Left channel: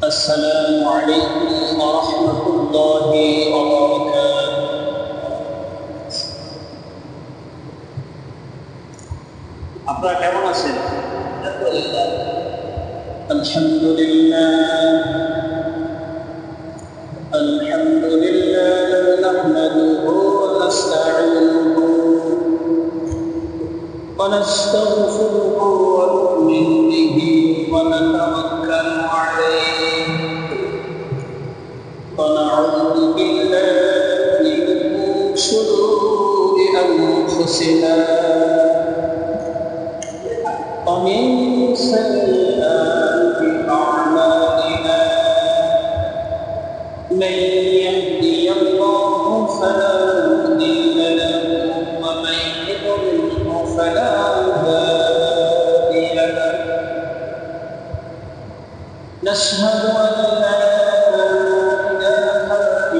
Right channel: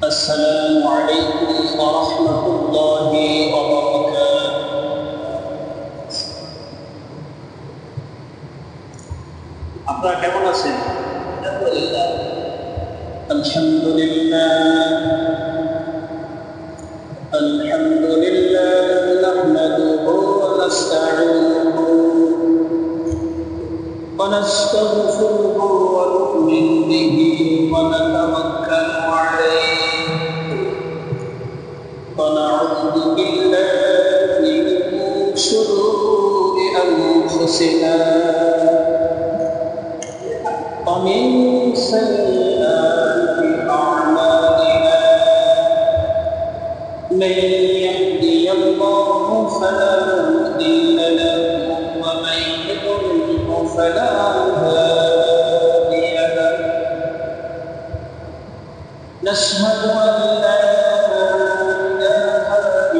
السلام عليكم ورحمة الله وبركاته. আপনারা কেমন আছেন? আলহামদুলিল্লাহ আলহামদুলিল্লাহ নাহমাদুহু ওয়া নাস্তাঈনুহু ওয়া নাস্তাগফিরুহু ওয়া নু'মিনু বিহি ওয়া নাতাওয়াক্কালু আলাইহি ওয়া না'উযু বিল্লাহি মিন শুরুরি আনফুসিনা ومن سيئات أعمالنا من يهدي الله فلا مضل له ومن يضلل فلا هادي له نشهد أن لا إله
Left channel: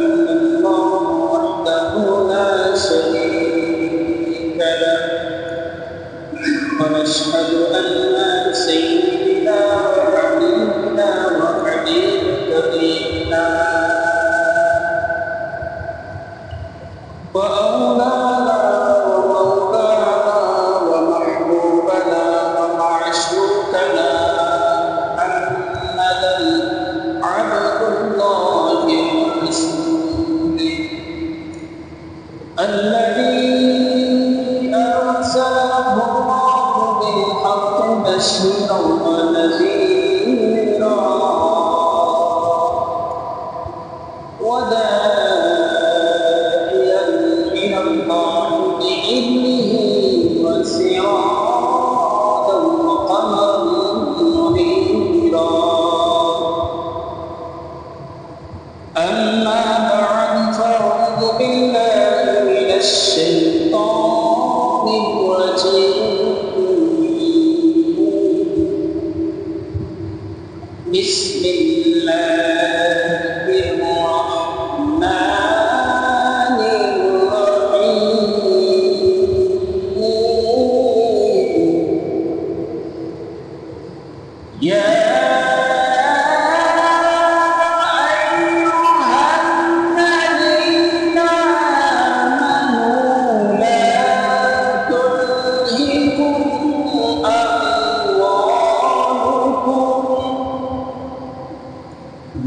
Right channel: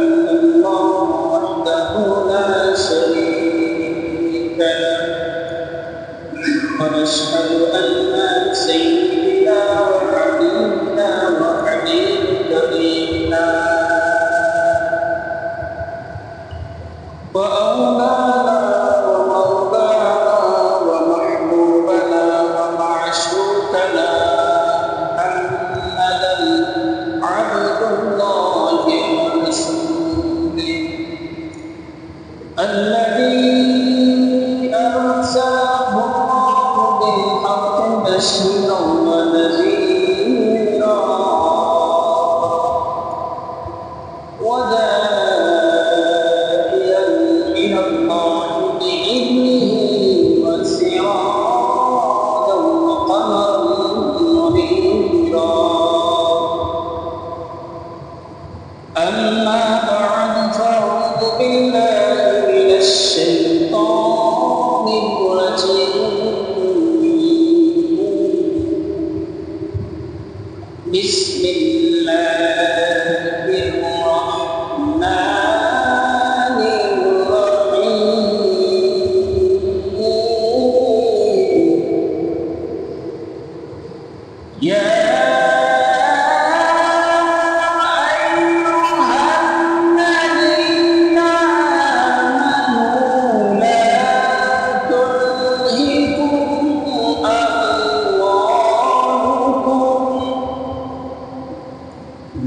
إلا الله وحده لا شريك له ونشهد أن سيدنا وحبيبنا وحبيب كريمنا وأولانا ومولانا ومحبوبنا ومعشوقنا محمدا عبد الله ورسوله الذي أرسله الله بالحق بشيرا ونذيرا وداعيا إلى الله بإذنه وسراجا وقمرا منيرا أما بعد فأعوذ بالله من الشيطان الرجيم بسم الله الرحمن الرحيم يا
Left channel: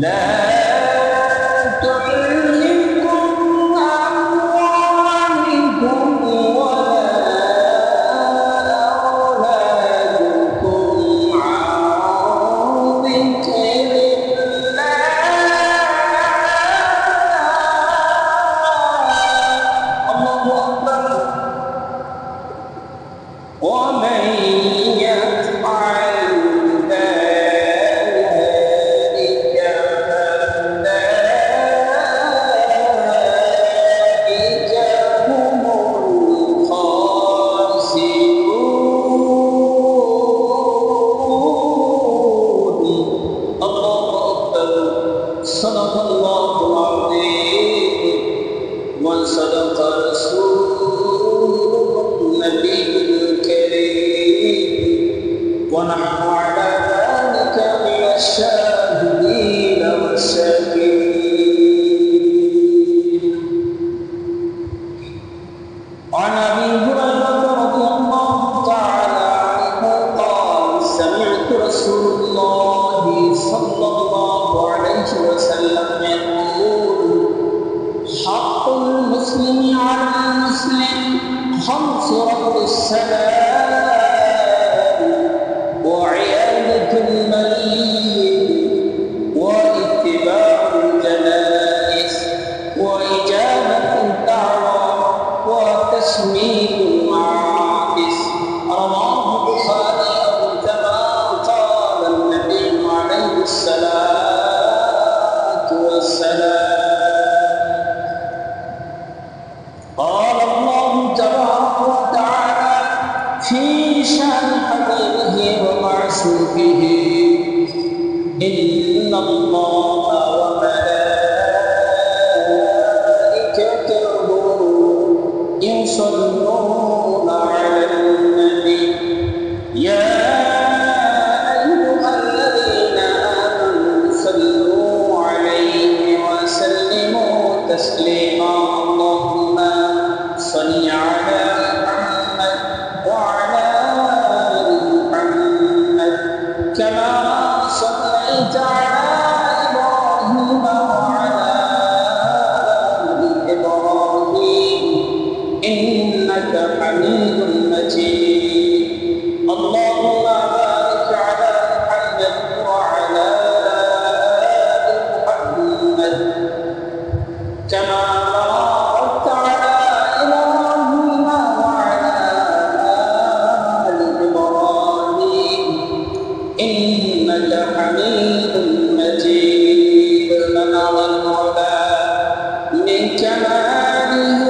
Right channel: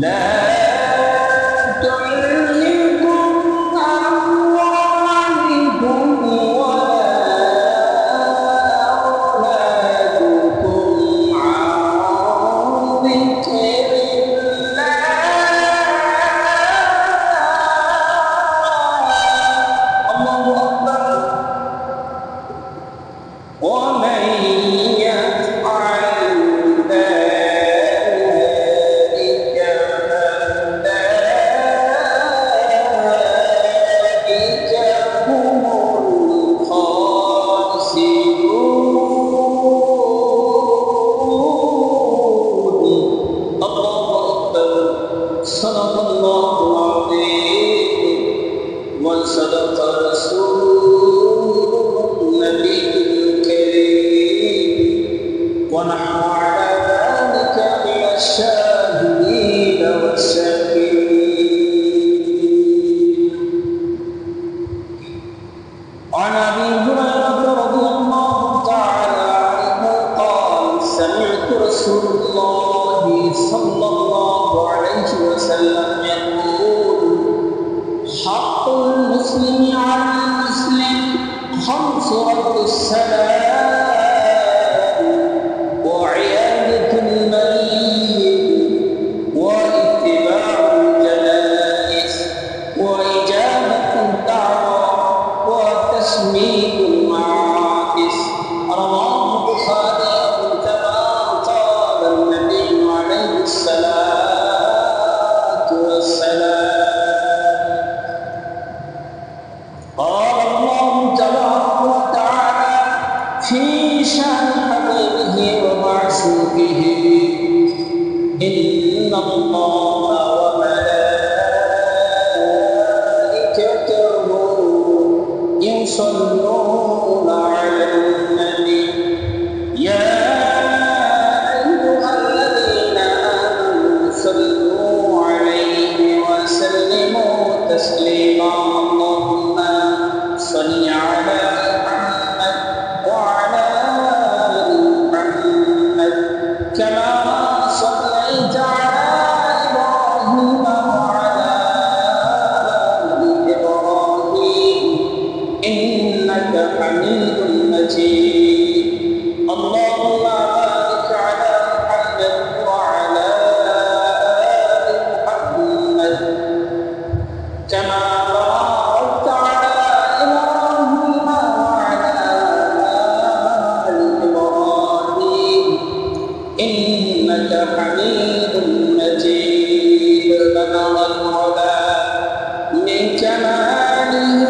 لا تلهكم أموالكم ولا أولادكم عن ذكر الله الله أكبر ومن يفعل صدق الله العظيم وصدق رسوله النبي الكريم ونحن على ذلك من الشاهدين والشاكرين. عن أبي هريرة رضي الله تعالى عنه قال سمعت رسول الله صلى الله عليه وسلم يقول حق المسلم على المسلم خمس رد السلام وعيادة المريض واتباع الجنائز وإجابة الدعوة وتسميد المعاكس رواه البخاري كما قال النبي عليه الصلاة والسلام. قال الله تبارك وتعالى في شأن حبيبه ومعشوقه إن الله وملائكته يصلون على النبي يا صلوا عليه وسلموا تسليما اللهم صل على محمد وعلى آل محمد كما صليت على إبراهيم وعلى آل إبراهيم إنك حميد مجيد اللهم بارك على محمد وعلى آل محمد كما باركت على إبراهيم وعلى آل إبراهيم إنك حميد مجيد بلغ العلا من كماله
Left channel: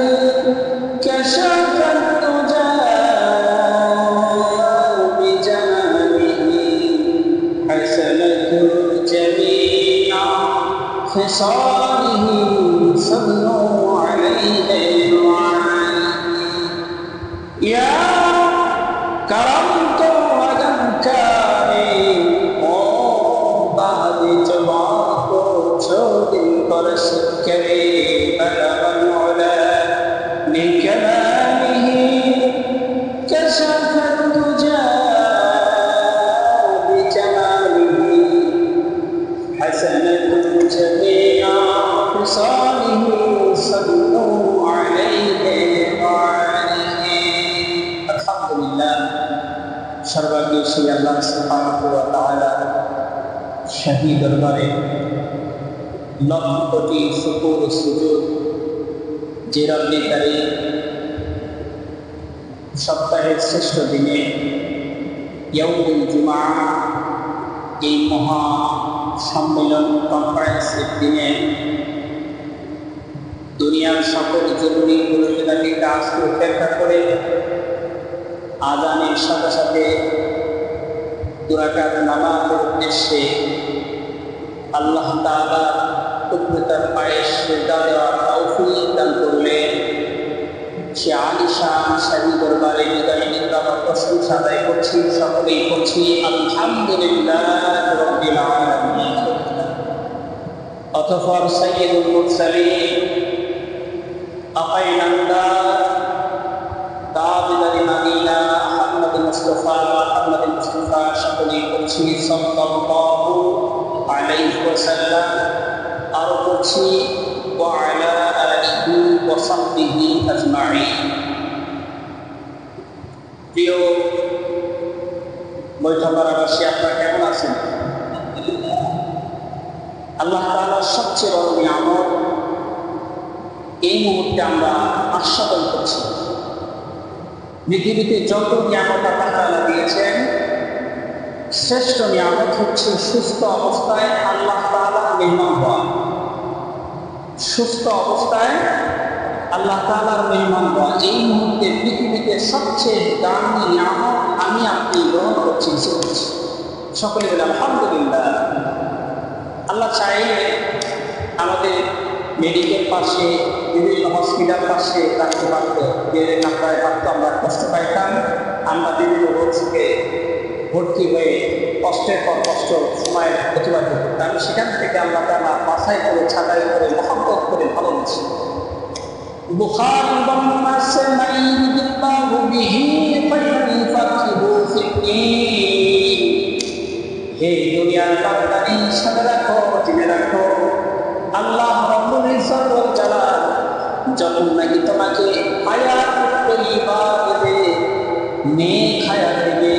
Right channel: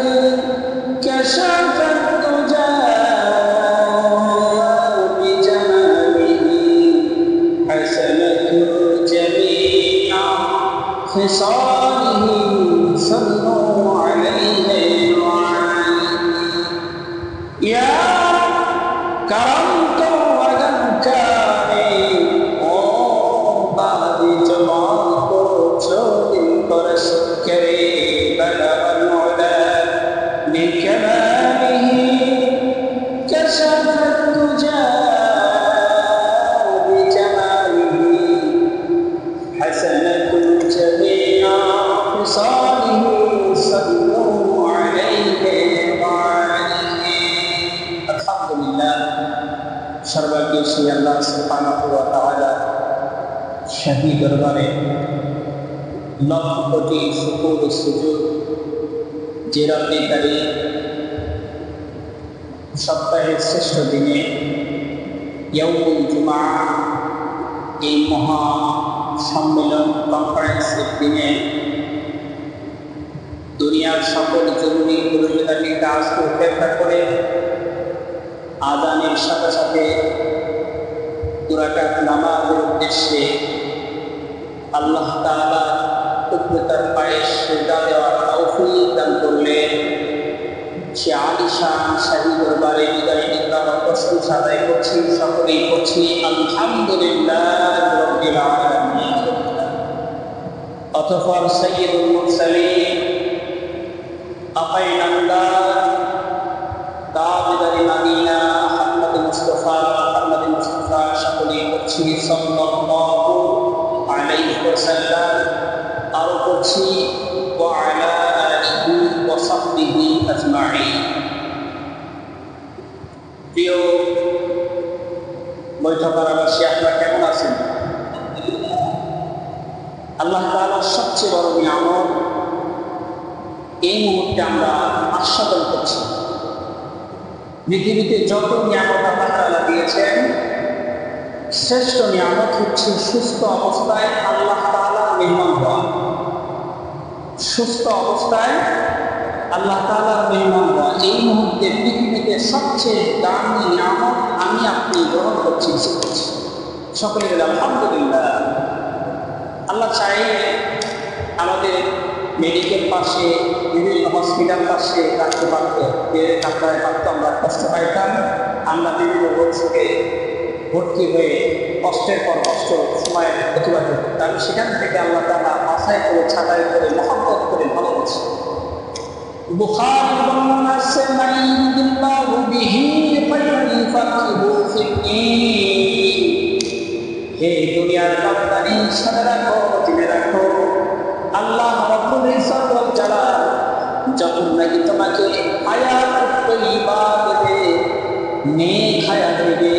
كشف الدجى بجماله حسنة جميع خصاله صلوا عليه وعليه يا رب کرم تو اگر کرے او بعد جبان کو چھوڑ پر سن کرے بلغ العلا من كماله كشف الدجى بجماله حسنة جميع خصاله صلوا عليه وعليه الحمد لله সর্বাগ্যে সেই আল্লাহ সুবহানাহু ওয়া তাআলা শাহী দরবারে লক্ষ কোটি শুকর ও সুজুদ যে রব্বি কারীম সপ্তাহের শ্রেষ্ঠ দিনে ইয়াউমুল জুমআ এই মহা সম্মেলন কনফারেন্সের দিনে দুনিয়ার সকল জরুরি পরিষেবাদি কাজকে উপেক্ষা করে আযানের সাথে সাথে দুই রাকাত নামাজের উদ্দেশ্যে আল্লাহ তাআলা কুদরতের পায়ে সিজদা দেওয়ার তৌফিক দান করলেন। সে আলিশান শাহী দরবারে বিদায় নিন্দার প্রশংসা আদায় করছি, সকলেই করছি আলহামদুলিল্লাহ রাব্বিল আলামিন। অতঃপর সাইয়্যিদুল মুরসালিন আকাইনান্দার দাবিদারি মাদিনা মুহাম্মদ মুস্তাফা সকলেই করছি সাল্লাল্লাহু আলাইহি ওয়াসাল্লাম, আরো করছি ওয়া আলা আলিহি ওয়া সাহবিহি আজমাইন। প্রিয় বৈঠকবাসী, আপনারা কেমন আছেন? আল্লাহ তাআলার সবচেয়ে বড় নিয়ামত এই মুহূর্তে আমরা আস্বাদন করছি। পৃথিবীতে যত নিয়ামত আল্লাহ তাআলা দিয়েছেন, শ্রেষ্ঠ নিয়ামত হচ্ছে সুস্থ অবস্থায় আল্লাহ তাআলার মেহমান হওয়া। সুস্থ অবস্থায় আল্লাহ তাআলার মেহমান হওয়া এই মুহূর্তে পৃথিবীতে সবচেয়ে দামি নিয়ামত আমি আপনি গ্রহণ করছি, রিসিভ করছি। সকলে বলে আলহামদুলিল্লাহ। আল্লাহ চাইলে আমাদের মেডিকেল পাশে, বিভিন্ন হসপিটাল পাশে রাখতে পারতো, কাপড়ায় পারতো, আমরা কষ্ট পাইতাম। আমরা বিভিন্ন রোগ থেকে ভর্তি হয়ে কষ্টের পর কষ্ট সময় অতিবাহিত করতাম। সেখান থেকে আল্লাহ তাআলা বাছাই করে, ছাঁটাই করে, মহব্বত করে ভালোবাসে। বুখারীর বর্ণনা আছে, মাইয়ুরিদিল্লাহু বিহি ফায়ুফাকিহু ফিদ্দীন। হে দুনিয়ার বান্দানি, শুনে রাখো, জেনে রাখো, আল্লাহ রাব্বুল ইজ্জত ওয়াল জালাল যখন নাকি তোমাকে হায়াত তাইয়্যিবা দেবে, নেক হায়াত দেবে,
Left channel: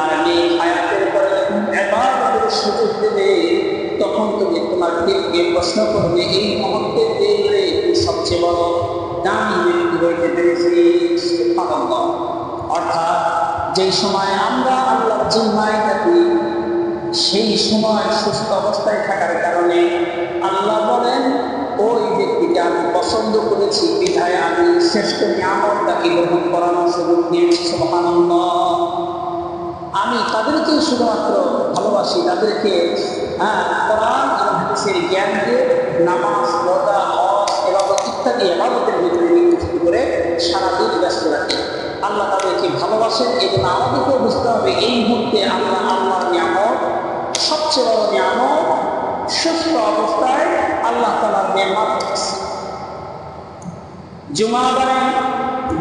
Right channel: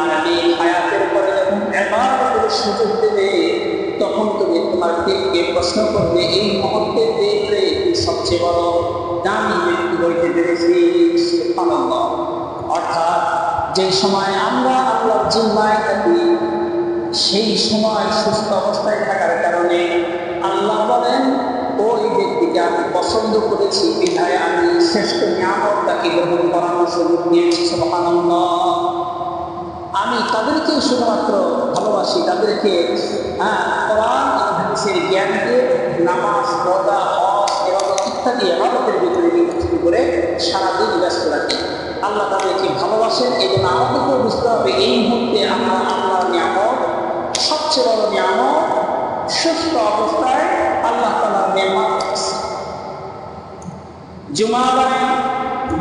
আর নেক হায়াতের পরে যখন ইবাদতের সুযোগ দেবে, তখন তুমি তোমার দিলকে প্রশ্ন করবে, এই মুহূর্তে দেখলে তুই সবচেয়ে বড় দামি ব্যক্তি হইতে পেরেছিস। সুবহানাল্লাহ। অর্থাৎ যেই সময় আমরা আল্লাহর জিম্মায় থাকি, সেই সময় সুস্থ অবস্থায় থাকার কারণে আল্লাহ বলেন, ওই ব্যক্তিকে আমি পছন্দ করেছি, বিধায় আমি শ্রেষ্ঠ নিয়ামত তাকে গ্রহণ করানোর সুযোগ দিয়েছি। সুবহানাল্লাহ। আমি তাদেরকে শুধুমাত্র ভালোবাসি, তাদেরকে কোরআন এবং হাদিসের জ্ঞান দিয়ে নামাজ, রোজা, হজ, ইবাদত ইত্যাদি ইবাদতের ভিতরে নিয়োজিত করে সারাদিন ব্যস্ত রাখি। আল্লাহ তাদেরকে ভালোবাসেন। এই জন্য আমাদেরকেও বুঝতে হবে, এই মুহূর্তে আমরা আল্লাহর নিয়ামত, সবচেয়ে বড় নিয়ামত সুস্থ অবস্থায় আল্লাহ তাআলার নেয়ামত আছে। জুমাবারে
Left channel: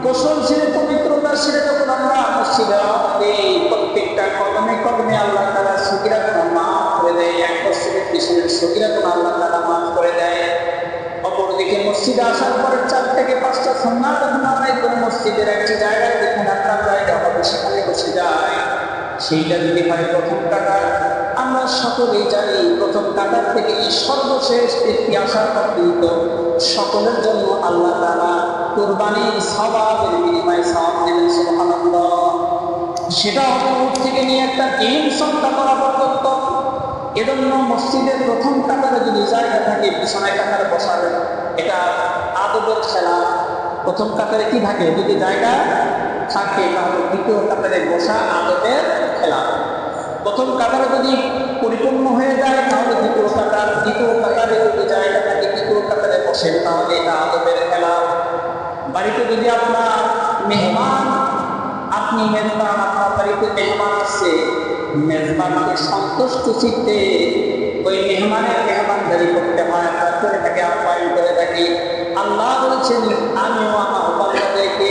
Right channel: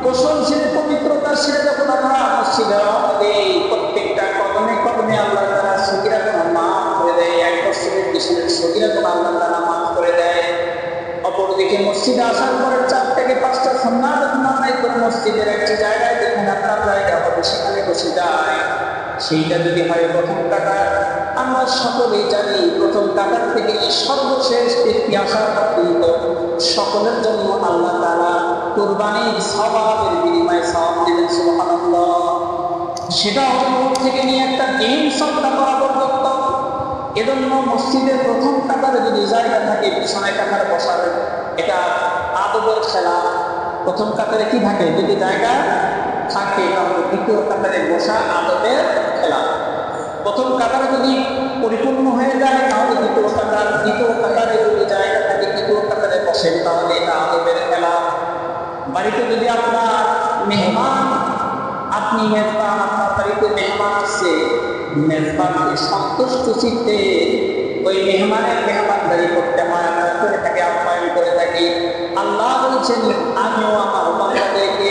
গোসল সেরে পবিত্রতা সেরে যখন আমরা মসজিদে রওনা দেই, প্রত্যেকটা কদমে কদমে আল্লাহ তাআলা সগীরা গুনাহ মাফ করে দেয়। এক মসজিদের পিছনের সগীরা গুনাহ আল্লাহ তাআলা মাফ করে দেয়। অপরদিকে মসজিদে আসার পরে 4 থেকে 5টা সুন্নাত যখন আদায় করে মসজিদের একটি জায়গায় যেখানে আপনার জায়গা হবে সেখানে বসে যায়, সেইটা যদি হয় প্রথম কাতার, আমরা সকলেই জানি প্রথম কাতার থেকে সর্বশেষ ব্যক্তি আসা পর্যন্ত সকলের জন্য আল্লাহ তাআলা কুরবানির সওয়াবের বিনিময়ে সওয়াব দিলেন। সুবহানাল্লাহ। সেটা হবে উট থেকে নিয়ে একটা ডিম সদকা করা পর্যন্ত। এজন্য মসজিদের প্রথম কাতারে যদি জায়গা থাকে পিছনের কাতারে বসার, এটা আদবের খেলা। প্রথম কাতারে কি থাকে? যদি জায়গা থাকে তাহলে দ্বিতীয় কাতারে বসা আদবের খেলা। প্রথম কাতারে যদি পরিপূর্ণ হয়ে যায় তাহলে দ্বিতীয় কাতার, দ্বিতীয় কাতারে যদি জায়গা থাকে তৃতীয় কাতারে বসেন তাহলে এটা আদবের খেলা। বাড়িতে যদি আপনার মেহমান, আপনি মেজবান, আপনার বাড়িতে মেহমান আসছে, মেজবানকে সন্তুষ্ট চিত্তে ওই মেহমানের মেহমানদারি করতে হয়, আমরা করে থাকি, আপ্যায়ন করে থাকি। আল্লাহ বলছেন আমিও আমার বান্দাদেরকে,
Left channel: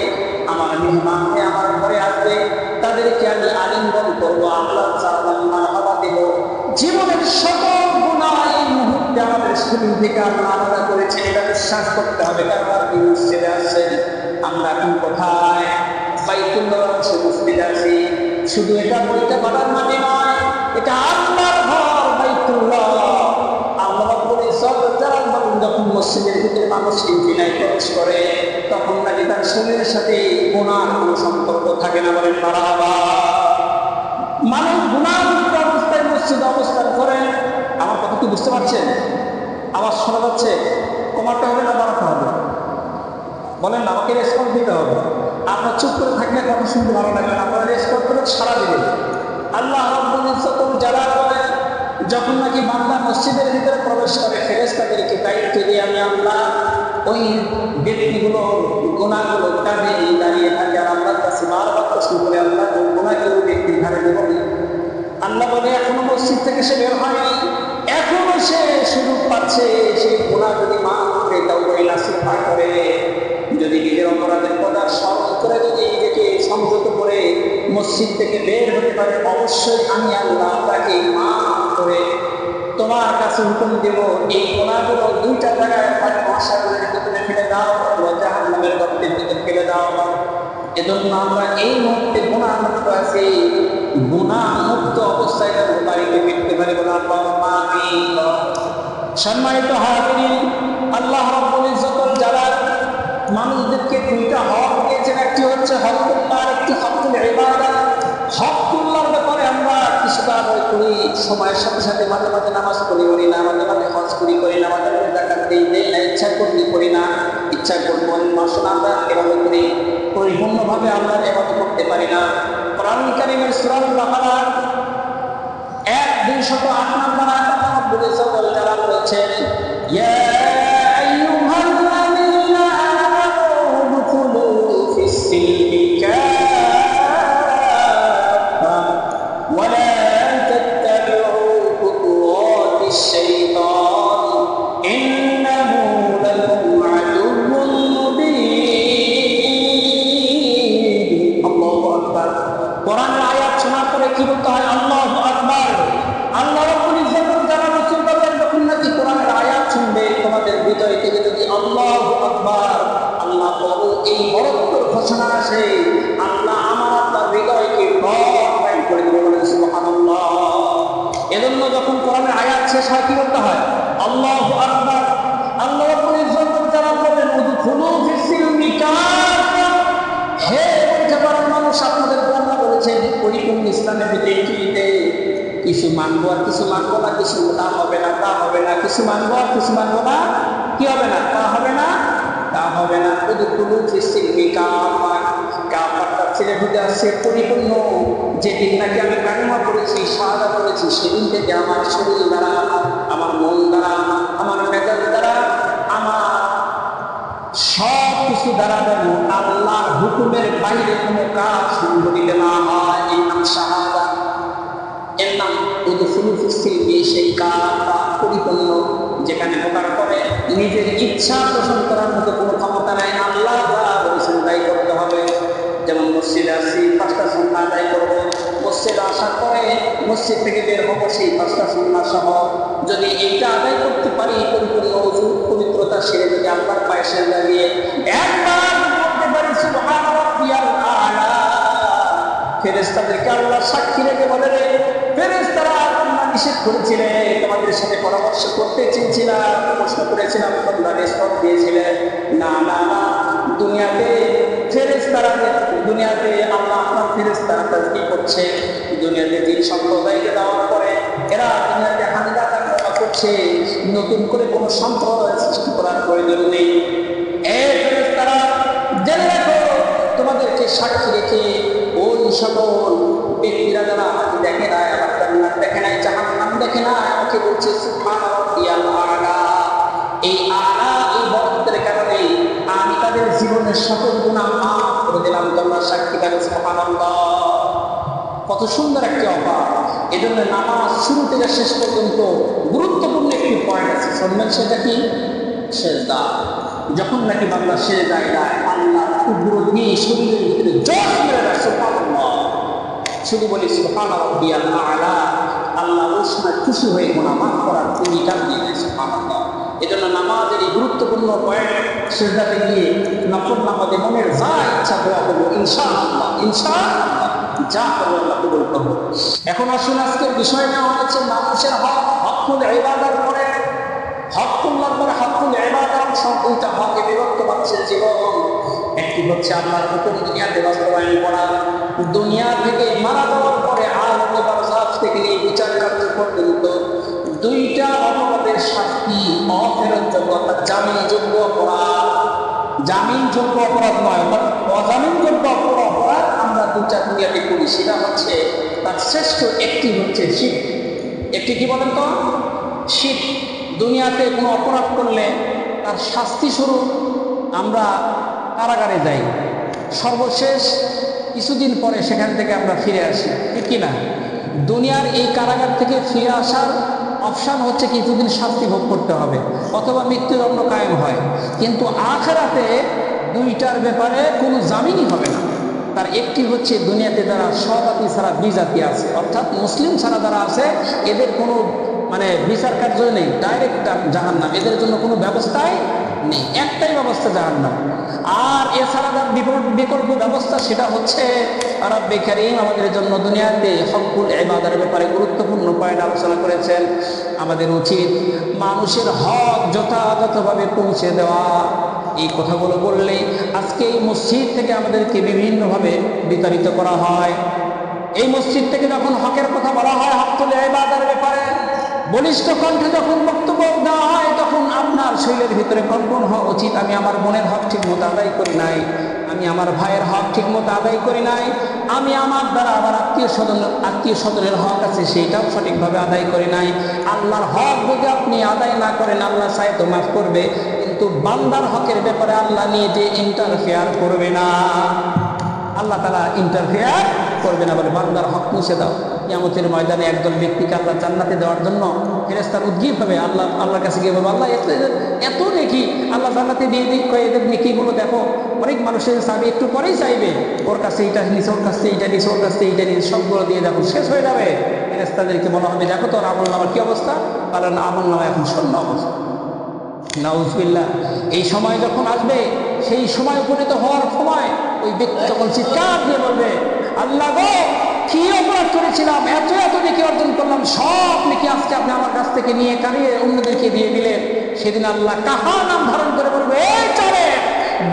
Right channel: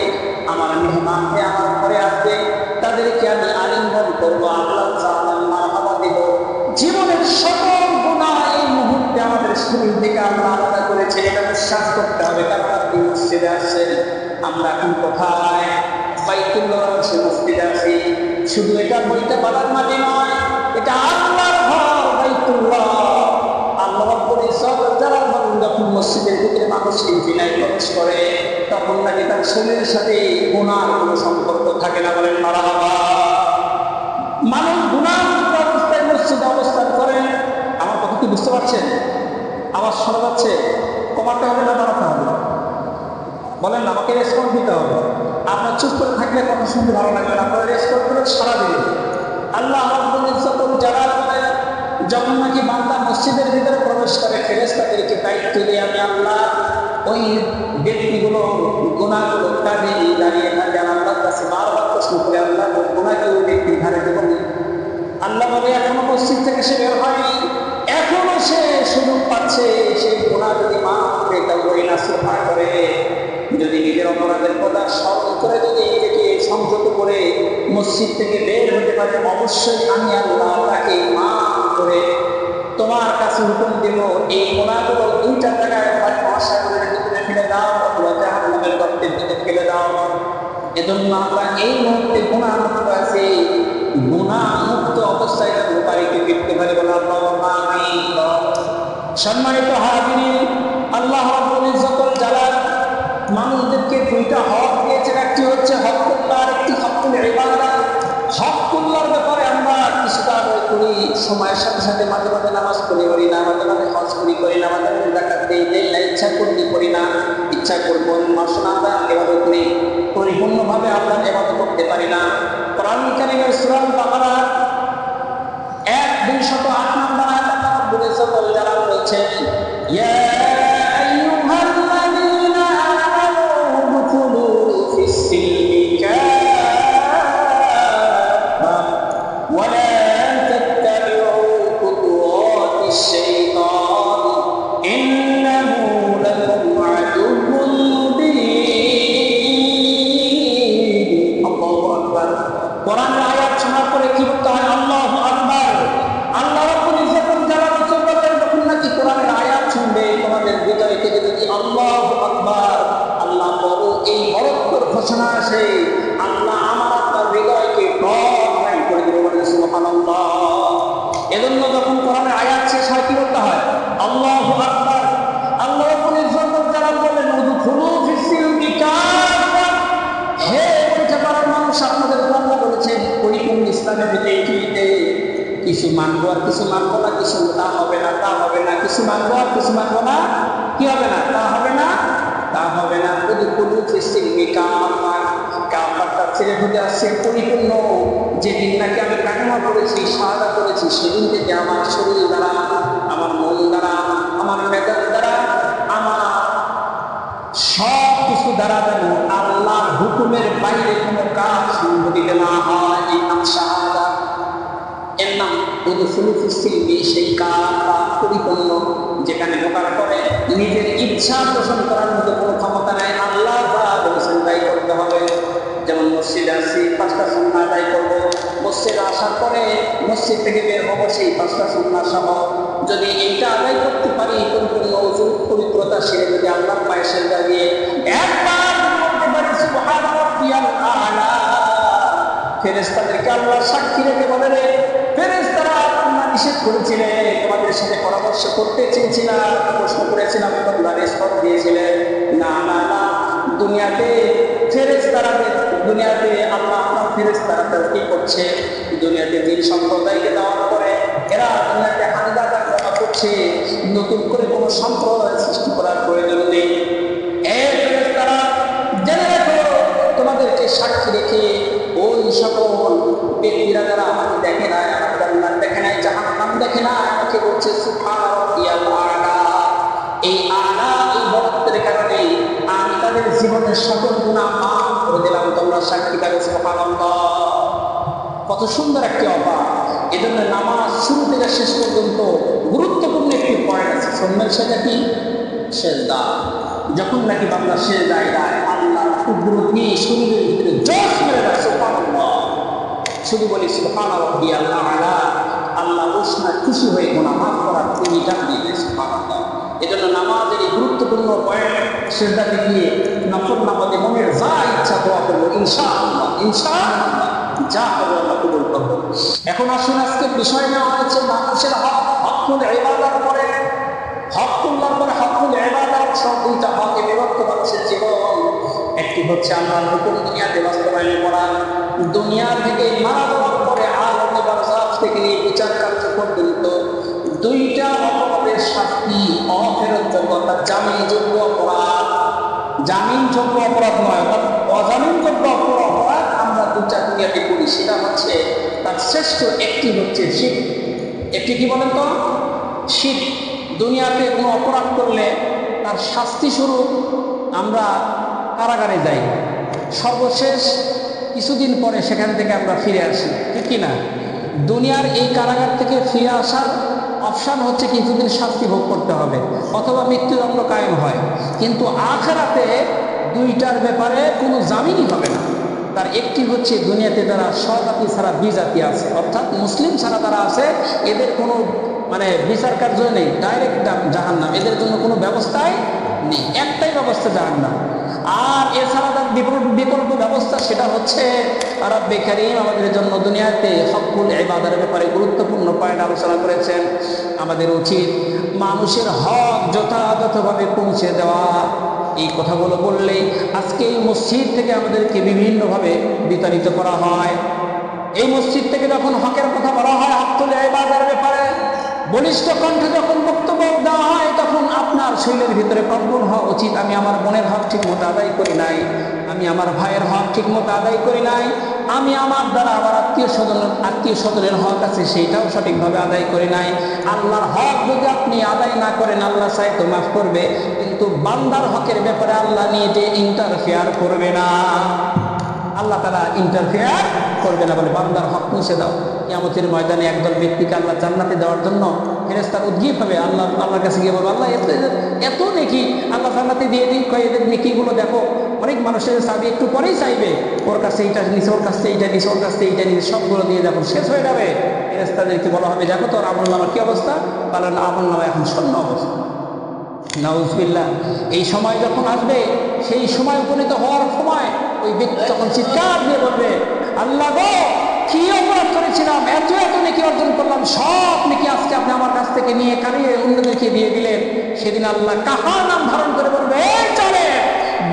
আমার মেহমানকে আমার ঘরে আসবে তাদেরকে আমি আলিঙ্গন করবো, আল্লাহ মারহাবা দেব। জীবনের সকল গুনাহ এই মুহূর্তে আমাদের শরীর থেকে আল্লাহ আলাদা করেছেন, এটা বিশ্বাস করতে হবে। কারণ আপনি মসজিদে আসছেন, আমরা এখন কোথায়? বাইতুল্লাহ মসজিদে আছি। শুধু এটা বইটা বাবার মাটি নয়, এটা আল্লাহর ঘর বাইতুল্লাহ। আল্লাহ রাব্বুল ইজ্জত জালাল বলেন যখন মসজিদের ভিতরে মানুষ ইনফিনায় প্রবেশ করে তখন নাকি তার শরীরের সাথে গুনার কোনো সম্পর্ক থাকে না। বলেন মারহাবা। মানুষ গুনাহমুক্ত অবস্থায় মসজিদে অবস্থান করে। আমার কথা কি বুঝতে পারছেন? আওয়াজ শোনা যাচ্ছে? কমাতে হবে না বাড়াতে হবে? বলেন না, আমাকে রেসপন্স দিতে হবে। আপনার চুপ করে থাকলে কথা শুনতে ভালো লাগবে না, আপনারা রেসপন্স করে সারা দিবেন। আল্লাহ রাব্বুল ইজ্জত জালাল বলেন যখন নাকি বান্দা মসজিদের ভিতরে প্রবেশ করে ফেরেশতাদেরকে দায়িত্ব দিয়ে আমি আল্লাহ ওই ব্যক্তিগুলোর গুনাহগুলো কাঁধে দাঁড়িয়ে থাকে আর আল্লাহর কাছে বারবার প্রশ্ন করে আল্লাহ গুনাহকে ওই ব্যক্তির ঘাড়ে দেবনি। আল্লাহ বলে এখনো মসজিদ থেকে সে বের হয়নি, এখনো সে সুযোগ পাচ্ছে। সেই গুনাহ যদি মাফ করে তাওবা নাসুহা করে, যদি নিজের অপরাধের কথা স্মরণ করে যদি নিজেকে সংযত করে মসজিদ থেকে বের হতে পারে, অবশ্যই আমি আল্লাহ তাকে মাফ করে তোমার কাছে হুকুম দেব এই গুনাহগুলো 2টা জায়গায়, হয় মহাসাগরের ভিতরে ফেলে দাও অথবা জাহান্নামের গর্তের ভিতরে ফেলে দাও। এজন্য আমরা এই মুহূর্তে গুনাহমুক্ত আছি, গুনাহমুক্ত অবস্থায় যেন বাড়িতে ফিরতে পারি। বলে আল্লাহুম্মা আমিন। সম্মানিত হাজিরিন, আল্লাহ রাব্বুল ইজ্জতুল জালাল মানুষদেরকে 2টা হক দিয়েছেন, একটি হচ্ছে হকুল্লাহ আর একটি হকুল ইবাদত। হকুল্লাহর ব্যাপারে আমরা কিছুটা আদায় করি, সময়ের সাথে সাথে মাঝে মাঝে নামাজ পড়ি না, মাঝে মাঝে হজ করি না, মাঝে মাঝে যাকাত দেই না, ইচ্ছা করলে করি না, ইচ্ছা করবো মাসনা আমরা ইবাদত করি, পরিপূর্ণভাবে আল্লাহর ইবাদত করতে পারি না। কোরআন কারীমের সূরা বাকারা 1-208 নম্বর আয়াত আল্লাহ রাব্বুল ইজ্জতুল জালাল বলেছেন ইয়া আইয়ুহাল্লাযীনা আমানু উদখুলু ফিস-সিলমি কাফা ওয়া লা তাত্তাবিউ খুতুওয়াতিশ শাইতান ইন্নাহু লাকুম আদুউউন মুবিন। আল্লাহু আকবার। কোরআনের আয়াত শোনার পরে কি বলতে হয়? আল্লাহু আকবার। আল্লাহ রাব্বুল ইজ্জতুল জালাল বলেন যখন নাকি কোরআনের আয়াত শুনবে তোমাদের হৃদয় থেকে যদি আল্লাহু আকবার, আল্লাহ বড়, এই বড়ত্বর ঘোষণা আসে, আল্লাহ আমার আপনার হৃদয়কে বড় করে দিবে। বলেন সুবহানাল্লাহ। এজন্য যখন কোরআনের আয়াত শেষ হয় কি বলতে হয়? আল্লাহু আকবার। আল্লাহ রাব্বুল ইজ্জতুল জালাল বলেন উদখুলু ফিস-সিলমি কাফা। হে পরীক্ষা করার মানুষ, আপনাদের আল্লাহ বলেছেন পরিপূর্ণ ইসলামের ভিতরে কিছু মানবো আর কিছু মানবো না, কিছু তা হবে না তা হবে না, কিছু মানবো আর কিছু মানবো না, কি হবে না তা হবে না তা হবে না। উদখুলু ফিস-সিলমি কাফা। কাফারটা ছেড়ে ঢুকে আসছে পরিপূর্ণ। যেদিন নাকি আমি কালেমা পড়েছি, শাহাদা করেছি, সেদিন থেকে আমার শরীর দ্বারা, আমার মন দ্বারা, আমার মেজাজ দ্বারা, আমার সব কিছু দ্বারা যেন আল্লাহর হুকুমের বাইরে কোনো কাজ সংঘটিত না হয়। এই নাম শাহাদা, এর নাম উদখুলু ফিস-সিলমি সেই কাফা, পরিপূর্ণ, যেখানে ঢোকার পরে নিজের ইচ্ছা পোষণ করার মতো কোনো ক্ষমতা নাই, আল্লাহ যা বলেছেন তাই করতে হবে। যেমন মসজিদে আসছি, 5টা সুন্নাহ আদায় করব, মসজিদে আসার পরে মসজিদ থেকে বের হবো সেই 5টা সুন্নাহ সহ। যদি এইটা আদায় করতে পারি, পরিপূর্ণ ওযু পবিত্রতা সেরে যদি আল্লাহর পায়ে সেজদা দিয়ে একবার যদি বলতে পারি সুবহান রাব্বিয়াল আ'লা, ফেরেশতাদেরকে আল্লাহ সাক্ষী রেখে বলে, রে ফেরেশতারা তোমরা নিষেধ করেছিলে, তোমাদের সাথে পরামর্শ করতে চেয়েছিলাম, প্রশ্ন করেছিলাম, তোমরা রেসপন্স দিয়েছিলে না না না। দুনিয়াতে আল্লাহ আপনার ফেরেশতারা কি করছে, দুনিয়াতে জিন সম্প্রদায়কে দেওয়ার পরে এরা দুনিয়াতে হাঙ্গা দাঙ্গা করছে, নতুন করে কোনো সম্প্রদায় সৃষ্টি করার প্রয়োজন নেই। ফেরেশতারা জেনে রাখো, তোমাদেরকে সাক্ষী রেখে ওই সকল ব্যক্তিরা যারা আমাকে দেখে নাই, আমার জান্নাত দেখে নাই, জাহান্নাম দেখে নাই, আমাকে বলছে সুবহান রাব্বিয়াল আ'লা। এই আ'লা, এই বরত্বের কারণে আমি তাদের জীবনের সকল গুনাহ মাফ করে দিলাম। তোমরা সাক্ষী থাকো সুবহানাল্লাহ। কত সুন্দর একটি অফার। এজন্য নামাজ শুরু থেকে শেষ পর্যন্ত গুরুত্বপূর্ণ একটি পয়েন্ট আছে, শুনবেন। সেটা কি? সেজদা। যখন নাকি বান্দা সেজদায় যায়, আল্লাহর কুদরতি শরীরের ভিতরে জোশ মেরে দেয়, সুবহানাল্লাহ। শুধু বলি সুবহান রাব্বিয়াল আ'লা, আল্লাহ ওই সময় খুশি হয়ে গুনাহ মাফ করার ইঙ্গিত দিয়ে দেয়, সুবহানাল্লাহ। এজন্য নামাজের এই গুরুত্বপূর্ণ পয়েন্ট, সেজদাতে গিয়ে নফল নামাজে মনের যা ইচ্ছা দোয়া করবো, ইনশাআল্লাহ ইনশাআল্লাহ যা করবো আল্লাহ কবুল করবো। এখন আসুন, আজকের বিষয় নেওয়া হয়েছে মানুষের হক, হকুল ইবাদার পরে হকুল্লাহর পরে হকুল ইবাদাত। সব দুইটা হকে বিভক্ত মানুষের জীবন। একটি হচ্ছে আল্লাহর হুকুম দুনিয়াতে বাস্তবায়ন করা, দুনিয়া থেকে মারা যাওয়ার পরে আলমে বারজাখ থেকে নিয়ে বিচার কার্য পর্যন্ত দুইটা অপরাধের শাস্তি অফেরতযোগ্য, অর্থাৎ জামিনযোগ্য অপরাধ। জামিনযোগ্য অপরাধ নয়, অর্থাৎ অজামিনযোগ্য অপরাধ আমরা দুইটা দুনিয়াতে করি। সেটা হচ্ছে তার শ্রেষ্ঠ একটি হচ্ছে শিরক। একটি কি বলেন তো? শিরক। দুনিয়াতে কোনো অপরাধ করলে তার শাস্তি স্বরূপ আমরা কারাগারে যাই, সর্বশেষ কিছুদিন পরে সেখান থেকে আমরা ফিরে আসি, ঠিক কিনা? দুনিয়ার এই কারাগার থেকে ফিরে আসার অপশান হচ্ছে কিছুদিন শাস্তি ভোগ করতে হবে, অথবা মৃত্যুদণ্ড কায়েম হয়। কিন্তু আখিরাতে দুইটার ব্যাপারে কোনো জামিনই হবে না। তার একটি হচ্ছে দুনিয়াতে যারা স্বজাতি ছাড়া বিজাতি আছে, অর্থাৎ মুসলিম ছাড়া যারা আছে, এদের কোনো বিচার কার্য নেই, ডাইরেক্ট জাহান্নাম, এদের জন্য কোনো ব্যবস্থাই নেই, একটাই ব্যবস্থা জাহান্নাম। আর এছাড়া তার বিকল্প ব্যবস্থা, সেটা হচ্ছে রাব্বে কারীম আমাদের জন্য দুনিয়াতে হকুল ইবাদার ব্যাপারে গুরুত্বপূর্ণ পয়েন্ট আলোচনা করেছেন। আমাদের উচিত মানুষের হক যথাযথভাবে পৌঁছে দেওয়া। এই কথাগুলো বললেই আজকে এই মসজিদ থেকে আমাদেরকে বিভিন্নভাবে বিতাড়িত করা হয়। এই মসজিদ থেকে যখন হকের কথা বলা হয়, হকুল ইবাদার ব্যাপারে বলিষ্ঠ কণ্ঠে যখন বক্তব্য দেওয়া হয়, তখন আপনার শরীরের ভিতরে কম্পন হওয়া উচিত। আমি আমার বোনের হক ঠিক মতো আদায় করি নাই, আমি আমার ভাইয়ের হক ঠিক মতো আদায় করি নাই, আমি আমার দ্বারা আমার আত্মীয় স্বজনের হক আছে সেইটাও সঠিকভাবে আদায় করি নাই। আল্লাহর হক যদি আপনি আদায় না করেন, আল্লাহ চায় তো মাফ করবে, কিন্তু বান্দার হকের ব্যাপারে আল্লাহ নিয়ে যে ইন্টারফেয়ার করবে না, আল্লাহ তাআলা ইন্টারফেয়ার করবে না বলে বান্দার হক মুছে দাও। কিয়ামতের ময়দানে একদল ব্যক্তিকে আল্লাহ জান্নাতে দেওয়ার জন্য ফেরেশতার উদ্গীপ হবে, আল্লাহর কাছে গিয়ে বলবে, আল্লাহ এত নেকি, আল্লাহ জান্নাতে দিয়ে দিই। কয় এদের নেকিগুলো দেখো। অনেক মানুষের চাবি একটু পরেই চাইবে, ওর কাছে এইটা নিছে, ওর কাছে এইটা নিছে, ওর কাছে এইটা নিছে, সবগুলো দিয়ে যখন শেষ হয়ে যাবে, ফেরেশতাদেরকে বলা হবে, দেখো তোর আমলনামার কি অবস্থা? কারণ আমলনামা এখন শূন্য অবস্থা। নাউজুবিল্লাহ। এই সময় যখন আসবে, সেই সময় উপনীত হওয়ার সময় ওই ব্যক্তি তখন চিৎকার দিয়ে বলবে, আল্লাহ গো, কি অপরাধ করেছিলাম, এত এত নেকি অর্জন করলাম, সব নেকি আজকে আপনি আমার কাছ থেকে নিয়ে কারিয়ে অন্যদেরকে দিয়ে দিলেন। সেদিন আল্লাহ কাহা নাম ধারণ করে বলবে, এই চলে,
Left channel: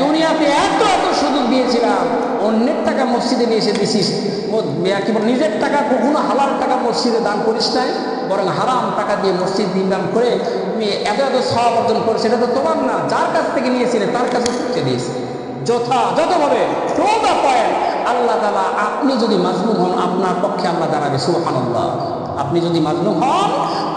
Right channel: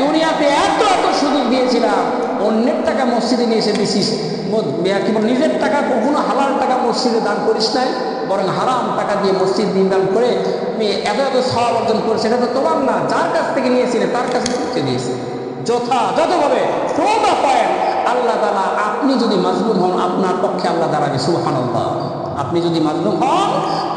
দুনিয়াতে এত এত সুযোগ দিয়েছিলাম, অন্যের টাকা মসজিদে নিয়ে এসে দিছিস, কি বল, নিজের টাকা কখনো হালাল টাকা মসজিদে দান করিস নাই, বরং হারাম টাকা দিয়ে মসজিদ নির্মাণ করে তুমি এত এত সওয়াব অর্জন করেছো। এটা তো তোমার না, যার কাছ থেকে নিয়েছিলে তার কাছে পৌঁছে দিয়েছে যথাযথভাবে। টো দ্য পয়েন্ট, আল্লাহ তাআলা আপনি যদি মাজলুম হন, আপনার পক্ষে আল্লাহ দাঁড়াবে। সুবহানাল্লাহ। আপনি যদি মাজলুম হন,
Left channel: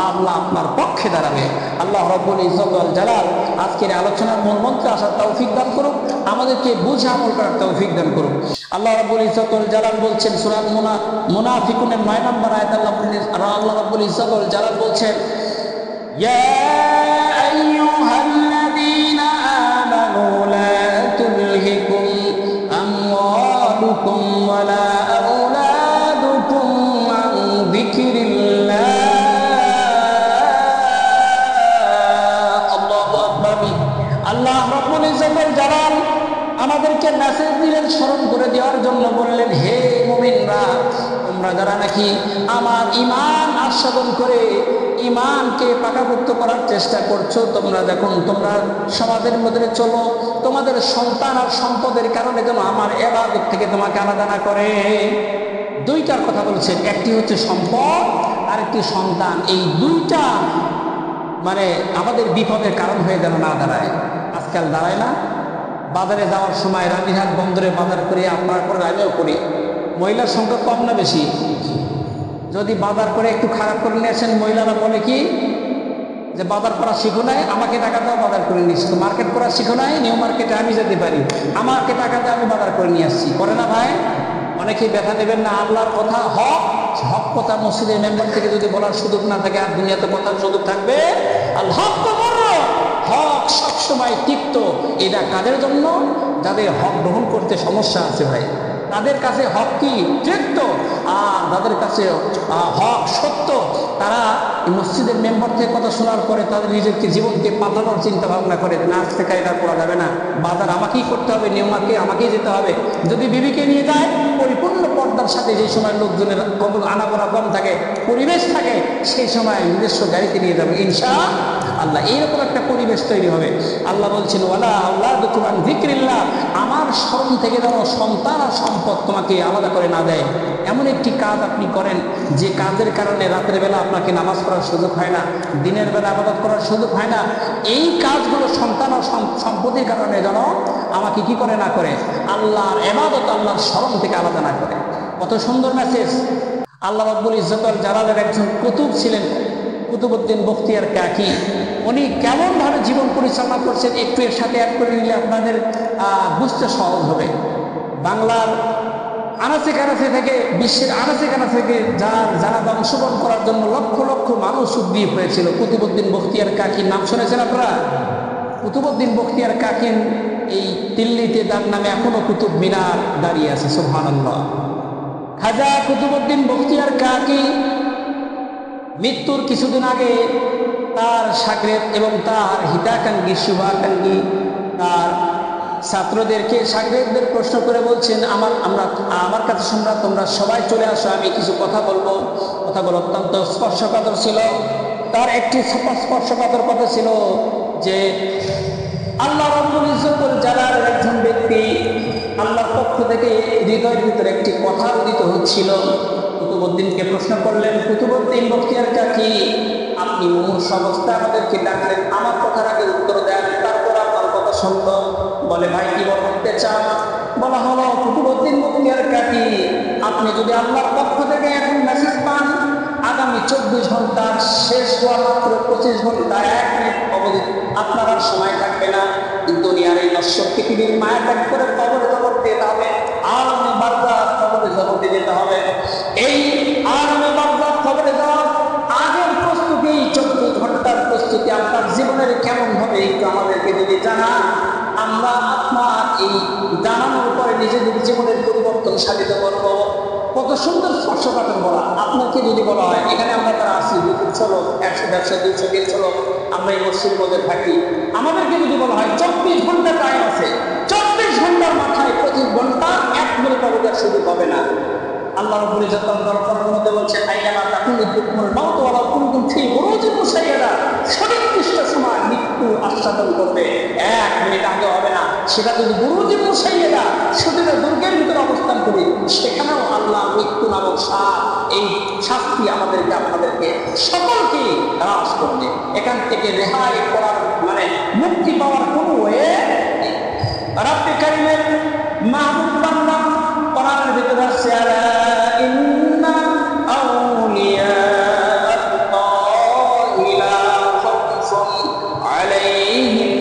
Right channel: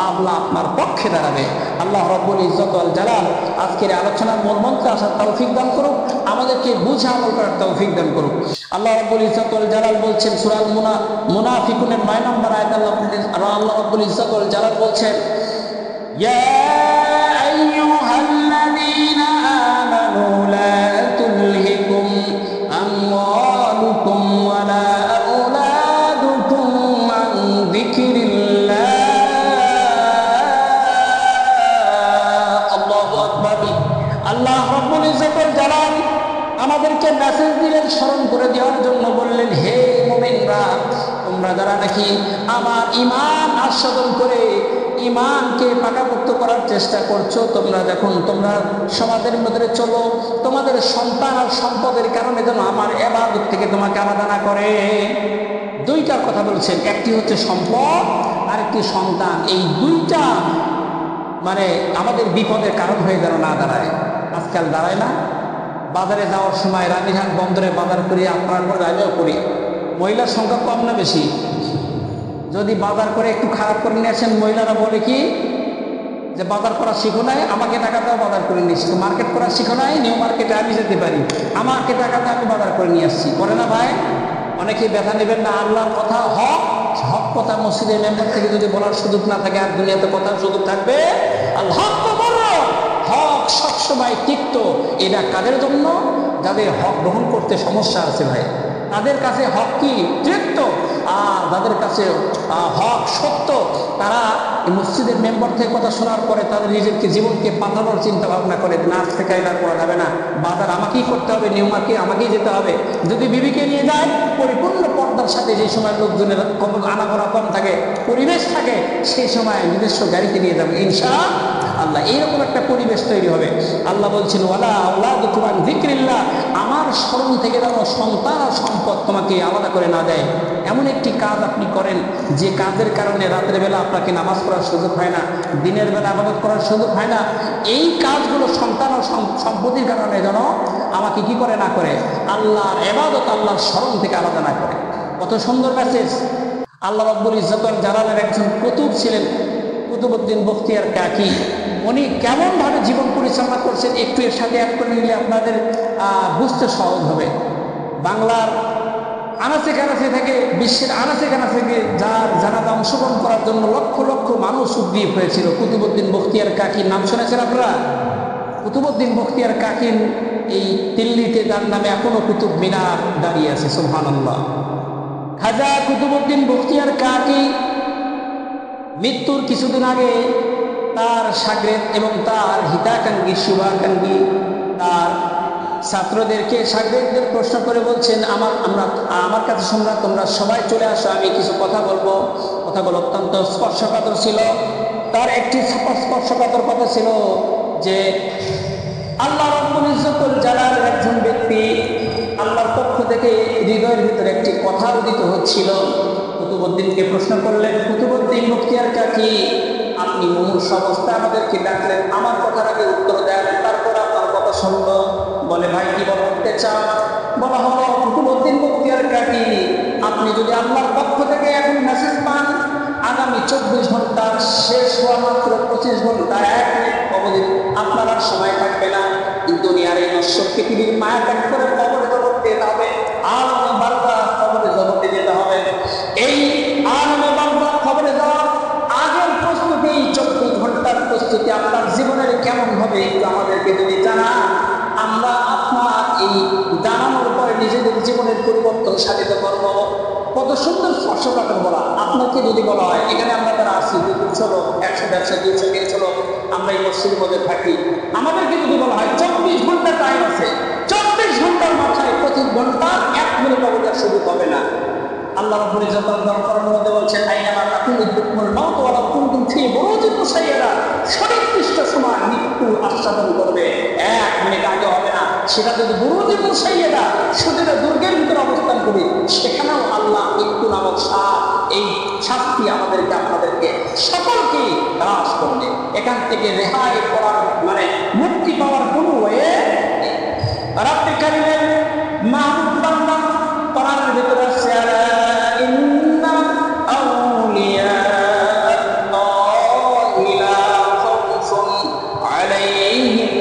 আল্লাহ আপনার পক্ষে দাঁড়াবে। আল্লাহ রাব্বুল ইজ্জত ওয়াল জালাল আজকের আলোচনার মূল মন্ত্রে আসার তৌফিক দান করুক, আমাদেরকে বুঝে আমল করার তৌফিক দান করুক। আল্লাহ রাব্বুল ইজ্জত ওয়াল জালাল বলছেন সূরা মুনাফিকুনের 9 নম্বর আয়াত, আল্লাহ রাব্বুল ইজ্জত ওয়াল জালাল বলছেন, ইয়া আইয়ুহাল্লাযীনা আমানু লা তুলহিকুম আমওয়ালুকুম ওয়ালা আওলাদুকুম আন যিকরিল্লাহ। আল্লাহু আকবার। আল্লাহ রাব্বুল ইজ্জতুল জালাল আমাদেরকে মেসেজ দিলেন, স্মরণ করে দেওয়ার জন্য বললেন, হে মুমিনরা, তোমরা যারা নাকি আমার ঈমান আস্বাদন করে ঈমানকে পাকাপোক্ত করার চেষ্টা করছো, তোমরা দেখুন তোমরা সমাজের মধ্যে চলো, তোমাদের সন্তান আর সম্পদের কারণে যেন আমার ইবাদত থেকে তোমাকে আলাদা না করে। দুইটার কথা বলছেন, একটি হচ্ছে সম্পদ আর একটি সন্তান। এই দুইটা মানে আমাদের বিপদের কারণ হয়ে যেন না দাঁড়ায়। আজকাল দাঁড়ায় না। বাজারে যাওয়ার সময় রানীরহাট বন্দরে বাজার করি, আপনার করে আমিও করি। মহিলার সংখ্যা কম না বেশি? যদি বাজার করে একটু খারাপ করে নিয়ে আসেন, মহিলারা বলে কি যে বাজার করা শিখো নাই, আমাকে টাকা দাও বাজার করে নিয়ে আসছি। মার্কেট করা শিখো নাই, নিউ মার্কেটে আমি যেতে পারি, আমাকে টাকা দাও আমি বাজার করে নিয়ে আসছি। করে না ভাই? অনেকেই ব্যথা নেবেন না। আল্লাহর কথা হক, হক কথা মসজিদের মেম্বার থেকে যদি বলার সুযোগ না থাকে, আর দুনিয়াতে কথার সুযোগ থাকবে? আল্লাহ হক সবসময় তিক্ত। এটা কাদের জন্য? যাদের হক গ্রহণ করতে সমস্যা আছে ভাই, তাদের কাছে হক কি তিক্ত। আর যাদের কাছে হক সত্য, তারা মসজিদের মেম্বার থেকে কথা শোনার পরে তাদের নিজেকে জীবনকে পাল্টানোর চিন্তা ভাবনা করে, না আজ থেকে এটা করা যাবে না, বাজার আমাকেই করতে হবে, নিউ মার্কেট আমাকেই যেতে হবে। যদি বিবিকে নিয়ে যায় পরিপূর্ণ পর্দার সাথে, যে সময় লোকজনের আনাগোনা কম থাকে, পরিবেশ থাকে, সেই সময় নিজস্ব গাড়িতে নিয়ে যাবে ইনশাআল্লাহ। এইরকম একটা পরিবেশ তৈরি হবে। আল্লাহ বলছেন, ওয়ালা আওলাদুকুম আন যিকরিল্লাহ, আমার স্মরণ থেকে যেন সন্তান আর সম্পদ তোমাকে আলাদা করে না দেয়। এমন একটি কাজ আপনি করেন যে কাজের কারণে রাতের বেলা আপনাকে নামাজ পড়ার সুযোগ হয় না, দিনের বেলা ইবাদত করার সুযোগ হয় না। এই কাজগুলো সন্তান ও সম্পত্তির কারণে যেন আমাকে কি করে না করে, আল্লাহর ইবাদত, আল্লাহর স্মরণ থেকে আলাদা না করে। কত সুন্দর মেসেজ। আল্লাহ রাব্বুল ইজ্জতুল জালালের একজন কুতুব ছিলেন, কুতুবউদ্দিন বখতিয়ার কাকি। উনি কেমনভাবে জীবন পরিচালনা করছেন একটু এর সাথে অ্যাড করে নিলে আপনাদের বুঝতে সহজ হবে। বাংলার আনাচে কানাচে থেকে, বিশ্বের আনাচে কানাচে থেকে যার জানাজা অংশগ্রহণ করার জন্য লক্ষ লক্ষ মানুষ উদ্গ্রীব হয়েছিল। কুতুবউদ্দিন বখতিয়ার কাকির নাম শুনেছেন আপনারা? কুতুবউদ্দিন বখতিয়ার কাকির এই দিল্লিতে তার নামে এখনো কুতুব মিনার দাঁড়িয়ে আছে। সুবহানাল্লাহ। খাজা কুতুবউদ্দিন বখতিয়ার কাকি মৃত্যুর কিছুদিন আগে তার শাগরেদ এবং তার হিতাকাঙ্ক্ষী, শুভাকাঙ্ক্ষী তার ছাত্রদেরকে, শাগরেদদের প্রশ্ন করে বলছেন, আমার কাছে তোমরা সবাই চলে আসো, আমি কিছু কথা বলবো। কথাগুলো অত্যন্ত স্পর্শকাতর ছিল। তার একটি স্পর্শকাতর কথা ছিল যে আল্লাহ রাব্বুল ইজ্জতুল জালালের একজন ব্যক্তি, আল্লাহর পক্ষ থেকে হৃদয়ের ভিতরে একটি কথা উদিত হচ্ছিল। কুতুবউদ্দিনকে প্রশ্ন করলেন, কুতুবউদ্দিন বখতিয়ার কাকি, আপনি মুমূর্ষু অবস্থায় আমাদেরকে ডাকলেন, আমার কথার আগে উত্তর দেন, তারপর আপনার কথা শুনলো। বলে, ভাই কি বলতে চান? বলা হলো, কুতুবউদ্দিন বখতিয়ার কাকি, আপনি যদি আল্লাহর পক্ষ থেকে এখন মেসেজ পান, আগামী 24 ঘন্টার শেষ হওয়া মাত্র 25 ঘন্টা 1 মিনিট অবধি আপনার আর সময় থাকবে না। দুনিয়ার এই নশ্বর পৃথিবীর মায়া ত্যাগ করে কবরে জগতে যেতে হবে, আলমে বারজাখ কবরে জগতে যেতে হবে। এই আলমে বারজাখ কবরে যাওয়ার আগের প্রস্তুতি, 24 ঘন্টার প্রস্তুতি আপনার জীবনের কেমন হবে একটু আমাদেরকে যদি জানান, আমরা আপনার এই জানানোর পরে নিজেদের জীবনের পরিবর্তন সাধিত করব। কত সুন্দর স্পর্শকাতর বলা। আপনাকে যদি বলা হয়, এখানে আমরা যারা আছি 200 লোক, 100, 150, 200, 300 লোক আমরা এই মসজিদের মধ্যে থাকি, আমাদেরকে যদি বলা হয় 24 ঘন্টা টাইম আছে, 24 ঘন্টার মাথায় প্রতি ঘন্টার 1 মিনিট অবধার সুযোগ হবে না। আল্লাহ রাব্বুল ইজ্জতুল জালাল কোরআনের মধ্যে বলছেন, আইনামা তাকুনু ইদরিকুমুল মাউত ওয়া লাউ কুনতুম ফি বুরুজিন মুশাইয়াদা, সঠিক সময় মৃত্যু আস্বাদন করবে। 1 মিনিট আগে হবে না। সেটা যদি বুরুজিন মুশাইয়াদা, সুদূর দুর্গের ভিতরে অবস্থান করি, সেখানেও আল্লাহ মৃত্যু নামক এই শাস্তি আমাদেরকে, আপনাদেরকে সকলকে গ্রাস করবে। এখান থেকে রেহাই করার মানে মুক্তি পাওয়ার কোনো ওয়ে নেই। রাব্বি কারীমের মাহবুব বান্দা কোরআনের ভিতরে আছে, আলা ইন্না আউলিয়া আল্লাহি লা খাউফুন আলাইহিম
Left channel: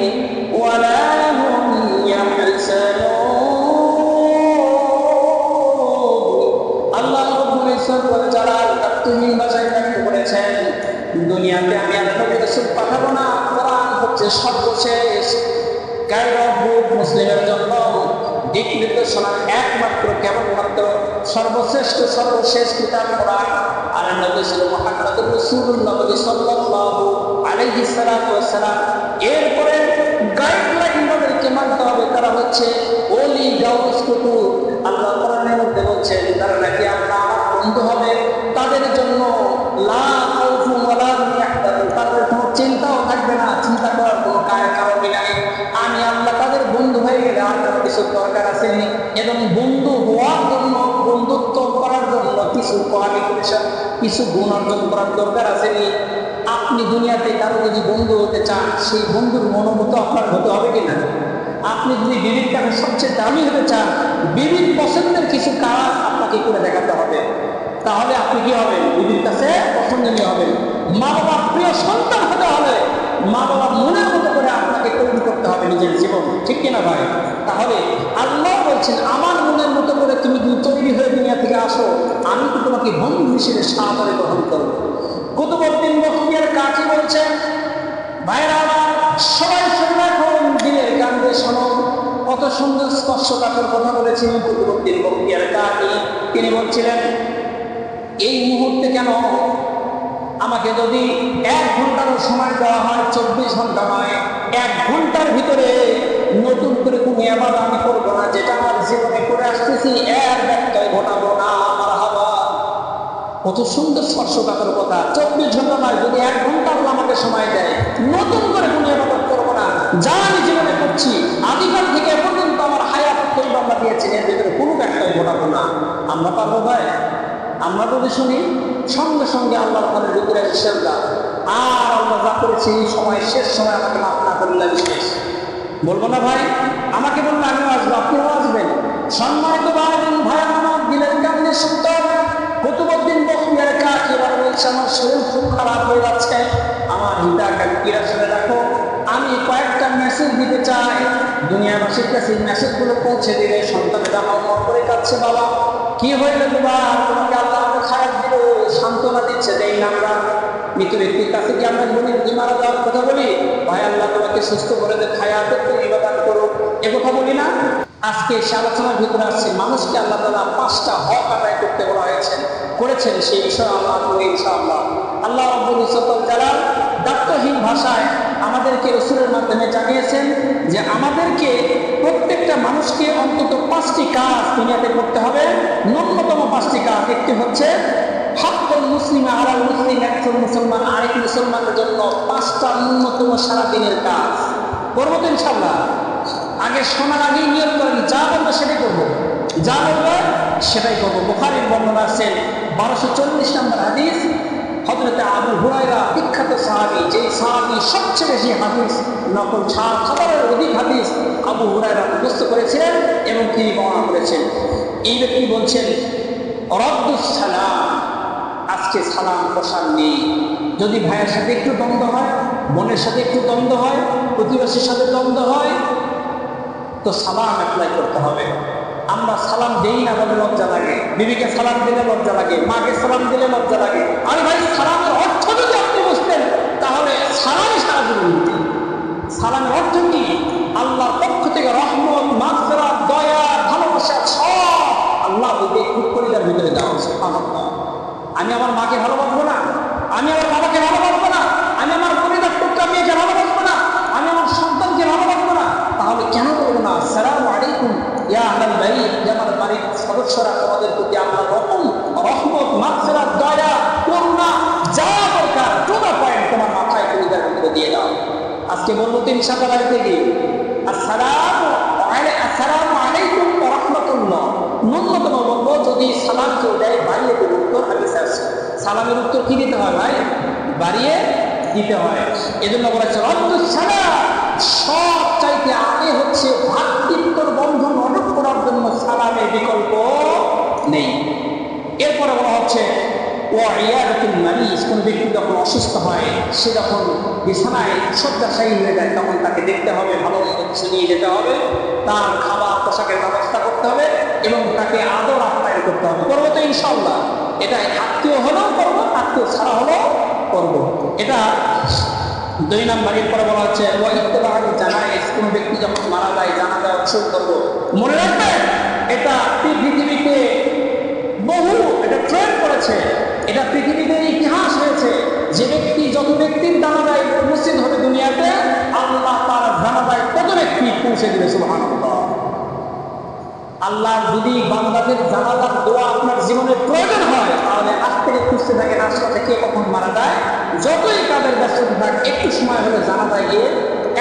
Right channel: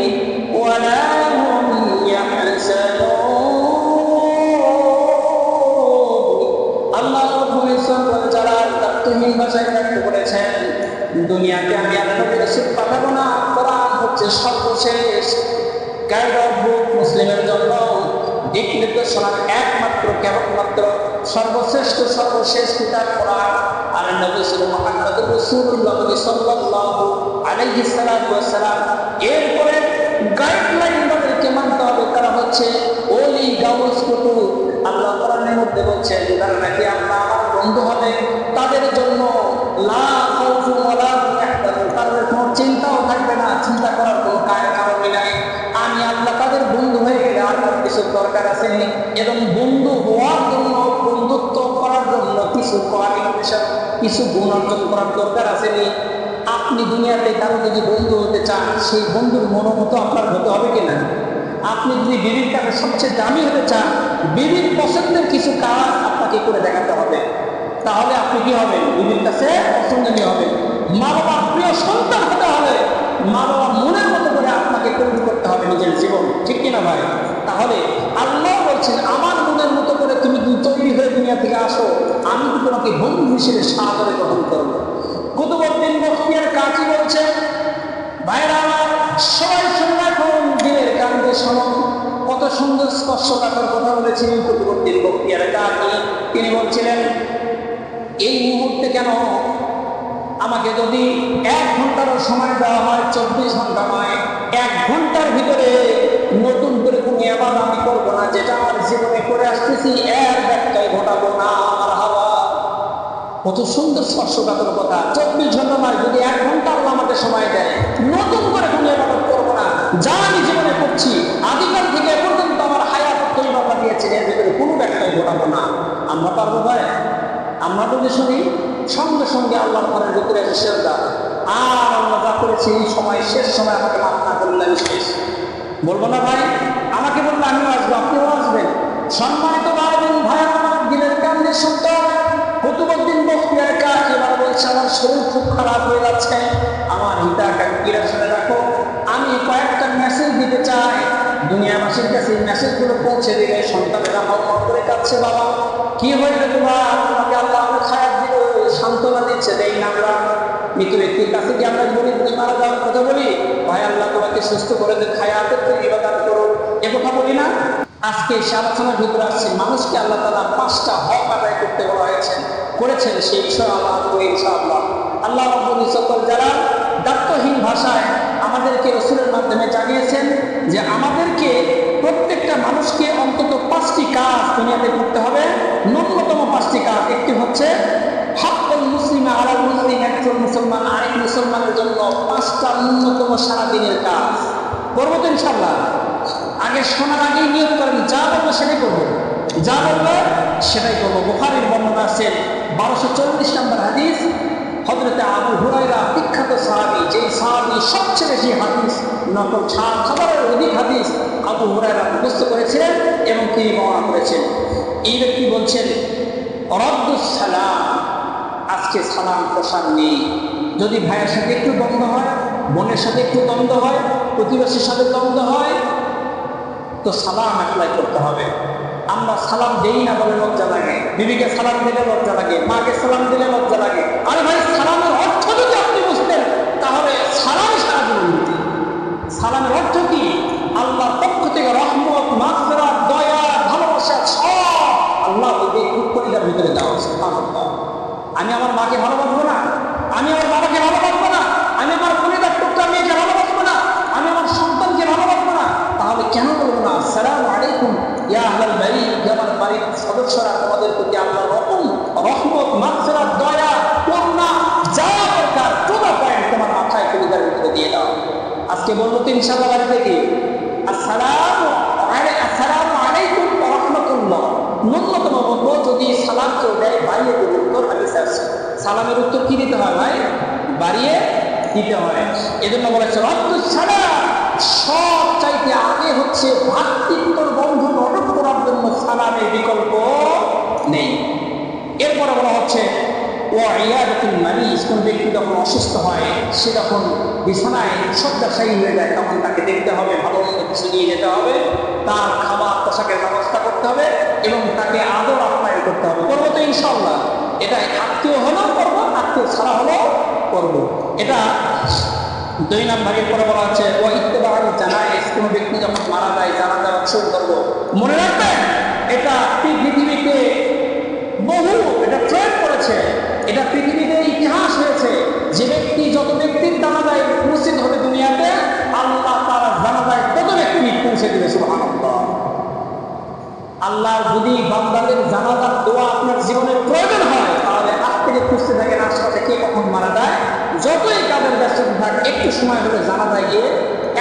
ওয়া লা হুম ইয়াহজানুন। আল্লাহ রাব্বুল ইজ্জত ওয়াল জালাল তাকতুহীন ভাষায় ব্যক্ত করেছেন, দুনিয়াতে আমি আর নবী রাসূল পাঠাবো না। কোরআন হচ্ছে সর্বশেষ গাইড অফ বুক, মুসলিমের জন্য দিক নির্দেশনার একমাত্র কেবলমাত্র সর্বশেষ কিতাব কোরআন। আর নবী ছিল মুহাম্মদুর রাসূলুল্লাহ সাল্লাল্লাহু আলাইহি সাল্লাতু ওয়াস সালাম। এরপরে গাইডলাইন তাদেরকে মানতে হবে, তারা হচ্ছে ওলি গাউস কুতুব। আল্লাহ কোরআনের মধ্যে বলছেন যারা নাকি আমার বন্ধু হবে তাদের জন্য লা খাউফুন ওয়ালা হুম ইয়াহজানুন, তাদের কোনো চিন্তাও থাকবে না, চিন্তা করার কোনো কারণ নাই। আমি আল্লাহ তাদের বন্ধু হয়ে গেলে আর কোনো কিছু দরকার আসেনি। এবং বন্ধু হওয়ার জন্য, বন্ধুত্ব করার জন্য কিছু কোয়ালিফিকেশন, কিছু গুণ অর্জন করার দরকার আসেনি। আপনি দুনিয়াতে কারো যদি বন্ধু হতে চান, সেই বন্ধুর মনোমতো আপনার হতে হবে কিনা? আপনি যদি বিবির কাছে সবচেয়ে দামি হতে চান, বিবির পছন্দের কিছু কাজ আপনাকে করে দেখাতে হবে, তাহলে আপনি কি হবেন? বিবির কাছে পছন্দনীয় হবেন। মা বাবার প্রিয় সন্তান হতে হলে মা বাবার মনের মতো করে আপনাকে তৈরি করতে হবে নিজের জীবন, ঠিক কিনা ভাই? তাহলে আল্লাহ বলছেন আমার মনের মতো করে তুমি তৈরি হয়ে দুনিয়া থেকে আসো, আমি তো তোমাকে বন্ধু হিসেবে সাদরে গ্রহণ করবো। কুতুবউদ্দিন বখতিয়ার কাকি বলছেন, ভাইরা আমার সবাই শুনে রাখুন, দিলের কান দিয়ে শোনো। কত সুন্দর স্পর্শকাতর কথা বলেছিলেন কুতুবউদ্দিন বখতিয়ার কাকি। তিনি বলছিলেন, এই মুহূর্তে কেন আমাকে যদি 1 ঘন্টারও সময় দেওয়া হয়, 24 ঘন্টা নয়, 1 ঘন্টার ভিতরে নতুন করে কোনো ইবাদত আমি করবো না, যেটা আমার জীবনে করে আসতেছি এর ব্যত্যয় ঘটাবো না। আমার হাওয়া কত সুন্দর স্পর্শকাতর কথা। 24 ঘন্টা নয়, যদি 1 ঘন্টা আল্লাহ আমাকে সময় দেয়, নতুন করে কোনো ইবাদত করবো না, যা আমি জীবনে করছি আদিকাল থেকে এ পর্যন্ত আমার হায়াত তৈরি আল্লাহ দিয়েছেন, এর ভিতরে কোনো ব্যত্যয় ঘটাবো না। আমরা পারবো ভাই? আমরা যদি শুনি সঙ্গে সঙ্গে আল্লাহর ঘরের ভিতরে এসে সেজদা, আর আল্লাহ যা করেছে এই সময়, শেষ সময় আমাকে মাফ না করলে আমি শেষ, বলবো না ভাই? আমাকে বললে আমিও আসবো, আপনিও আসবেন। সম্মানিত ভাই বোন, ভাই আমার দিলের কান দিয়ে শুনতে হবে। কুতুবউদ্দিন বখতিয়ার কাকি এবার বলছে, আমার শরীর খুব খারাপ হয়ে যাচ্ছে, আমার হিতাকাঙ্ক্ষীরা শুনে রাখো, আমি কয়েকটা মেসেজ দিতে চাই, দুনিয়াবাসীর কাছে এই মেসেজগুলো পৌঁছে দিলে সন্তানেরা হাওমাও করে কাঁদছে, বাবা কি হইলো তোমার? তোমাকে আল্লাহ অনেক হায়াত দিল, সান্ত্বনা দিচ্ছে, দেই না আমরা? মৃত ব্যক্তির কাছে কি আমরা বলি তুমি মারা যাওয়ার কথা বলি? ভাই আল্লাহ তোমাকে সুস্থ করে দে, হায়াতের তো ইবাদত করো, এ কথা বলি না? আজকে সে আলোচনার ভিতরে আসছে মানুষকে আল্লাহ তাআলা 5টা হক আদায় করতে বলা হয়েছে, করেছেন, সেই বিষয়ে আল্লাহ ইনশাআল্লাহ। আল্লাহ রাব্বুল ইজ্জত ওয়াল জালাল দায়িত্বহীন ভাষায় আমাদেরকে রাসূলের মাধ্যমে জানিয়েছেন যে আমাদেরকে প্রত্যেকটা মানুষকে অন্তত 5টি কাজ দুনিয়াতে করতে হবে, ন্যূনতম 5টি কাজ। একটি হচ্ছে হাক্কুল মুসলিমা আলাল মুসলিম, একজন মুসলমান আরেক মুসলমানের জন্য 5টা ন্যূনতম সারাদিনের কাজ করবো তো ইনশাআল্লাহ। আগে শোনার আগেই নিয়ত করেন, যা বলবে সেটাই করবো, যা বলবে সেটাই করবো। বুখারীর বর্ণনা আছে 1240 নম্বর হাদিস, হযরতে আবু হুরায়রা বিখ্যাত সাহাবী, যেই সাহাবী সবচেয়ে বেশি হাদিস নকল, 7,000-এর অধিক হাদিস আবু হুরায়রা মুখস্থ করেছিলেন এবং তিনি বর্ণনা করেছেন। এই ব্যক্তি বলছেন, রদ্দুস সালাম, আজকে সালাম প্রসার নেই। যদি ভাইয়ের সাথে একটু দ্বন্দ্ব হয়, বোনের সাথে একটু দ্বন্দ্ব হয়, প্রতিবেশীর সাথে দ্বন্দ্ব হয়, তো সালাম অ্যাপ্লাই করতে হবে। আমরা সালাম দেই না বলে লজ্জা লাগে, বিবিকে সালাম দিলে লজ্জা লাগে, মাকে সালাম দিলে লজ্জা লাগে। আরে ভাই, সালামের অর্থ যদি আপনি বুঝতেন তাহলে সালামই সারা জীবন দিতে। সালামের অর্থ কি? আল্লাহর পক্ষ থেকে রহমত, মাগফিরাত, দয়া, ভালোবাসা সব আল্লাহ ওই কলিজার ভিতরে দেওয়া। সুবহানাল্লাহ। আমি আমার মাকে ভালোবাসবো না, আমি আমার বাবাকে ভালোবাসবো না, আমি আমার কলিজার টুকরা মেয়েকে ভালোবাসবো না, আমি আমার সন্তানকে ভালোবাসবো না, তাহলে কেন বলবো না আসসালামু আলাইকুম ইয়া আহলাল বাইত, আমার বাড়ির সদস্যরা তোমাদের প্রতি আল্লাহর রহমত, মাগফিরাত, দয়া, করুণা যা দরকার টু দা পয়েন্ট তোমার মাথায় কলিজার ভিতরে দিয়ে দাও। আজকে বলবো তো ইনশাআল্লাহ বাড়িতে গিয়ে আসসালামু আলাইকুম ওয়া রাহমাতুল্লাহ, ন্যূনতম বলবো। যদি সালাম কেউ দেয় বাড়িয়ে দেব, উত্তর হাদিসে আছে। সালামের উত্তর কি দিতে হয় ভাই? বাড়িয়ে দিতে হয়। এজন্য বলেছে রদ্দুস সালাম, সব চাইতে আগে হচ্ছে ভ্রাতৃত্বর বন্ধন অটুট করার জন্য সালামের বিকল্প নেই। এরপরে বলা হচ্ছে ওয়াইয়াদাতুল মারিজ, কোন ব্যক্তি যখন অসুস্থ হয়, সে যখন বিছানায় শয্যাশায়ী হয়ে যায়, তখন তাকে দেখতে হবে, ভালো মন্দ কিছু নিয়ে যেতে হবে, তার খাবার পোশাকের ব্যবস্থা করতে হবে এবং তাকে আদর আপ্যায়ন করতে হবে। করবো তো ইনশাআল্লাহ। এটা আত্মীয় হলেও করবো, আত্মীয় ছাড়া হলেও করবো। এটা 2 নাম্বার। এরপরে বলা হচ্ছে ওয়া ইত্তেবাউল জানায়েজ, কোনো ব্যক্তি যখন মারা যায় জানাজায় অংশগ্রহণ করবো। মনে রাখবেন এটা পৃথিবীতে এটা ট্রেন্ড করেছে, এটা পৃথিবীতে ইতিহাস হয়েছে। যে ব্যক্তি যত ব্যক্তির জানাজায় উপস্থিত হবে দুনিয়াতে, আল্লাহ তার জানাজায় তত ব্যক্তি পৌঁছে দিবে। সুবহানাল্লাহ। আল্লাহর যদি বান্দাদের জানাজার দোয়া আপনার জীবনে প্রয়োজন হয়, তাহলে আজ থেকে খুঁজতে থাকেন আশপাশে কে কখন মারা যায়। যতই কাদের ব্যস্ততা থাক, একটু সময় হলে জানাজায় গিয়ে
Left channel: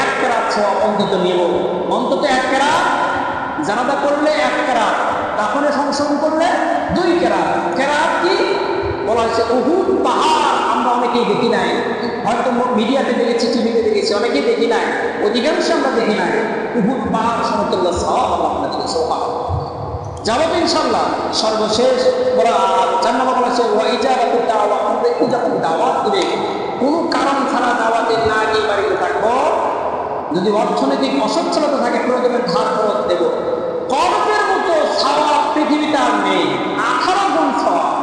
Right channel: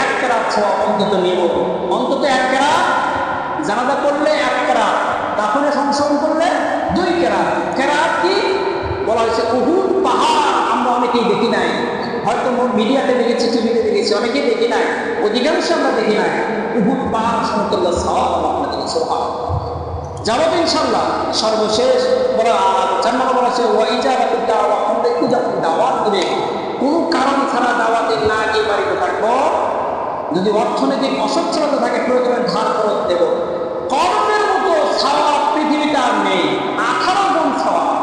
1 কেরাত সওয়াব অন্তত নেব। অন্তত 1 কেরাত জানাজা করলে 1 কেরাত, দাফনে সংশোধন করলে 2 কেরাত। কেরাত কি বলা হয়েছে? উহুদ পাহাড়। আমরা অনেকেই দেখি নাই, হয়তো মিডিয়াতে দেখেছি, টিভিতে দেখেছি, অনেকেই দেখি নাই, অধিকাংশ আমরা দেখি নাই। উহুদ পাহাড় সমতুল্য সওয়াব আল্লাহ আপনাদের সুবহানাল্লাহ যাবো তো ইনশাআল্লাহ। সর্বশেষ বলা 4 নম্বর বলা হচ্ছে ওয়া ইজাবাতুদ দাওয়া, কোন ব্যক্তি যখন দাওয়াত দিবে, কোনো কারণ ছাড়া দাওয়াতে না গিয়ে বাড়িতে থাকবো। যদি অর্থনৈতিক অসচ্ছলতা থাকে, প্রয়োজনে ধার খরচ দেব। কর্জের মতো সওয়াব পৃথিবীতে আর নেই। 18 গুণ সওয়াব।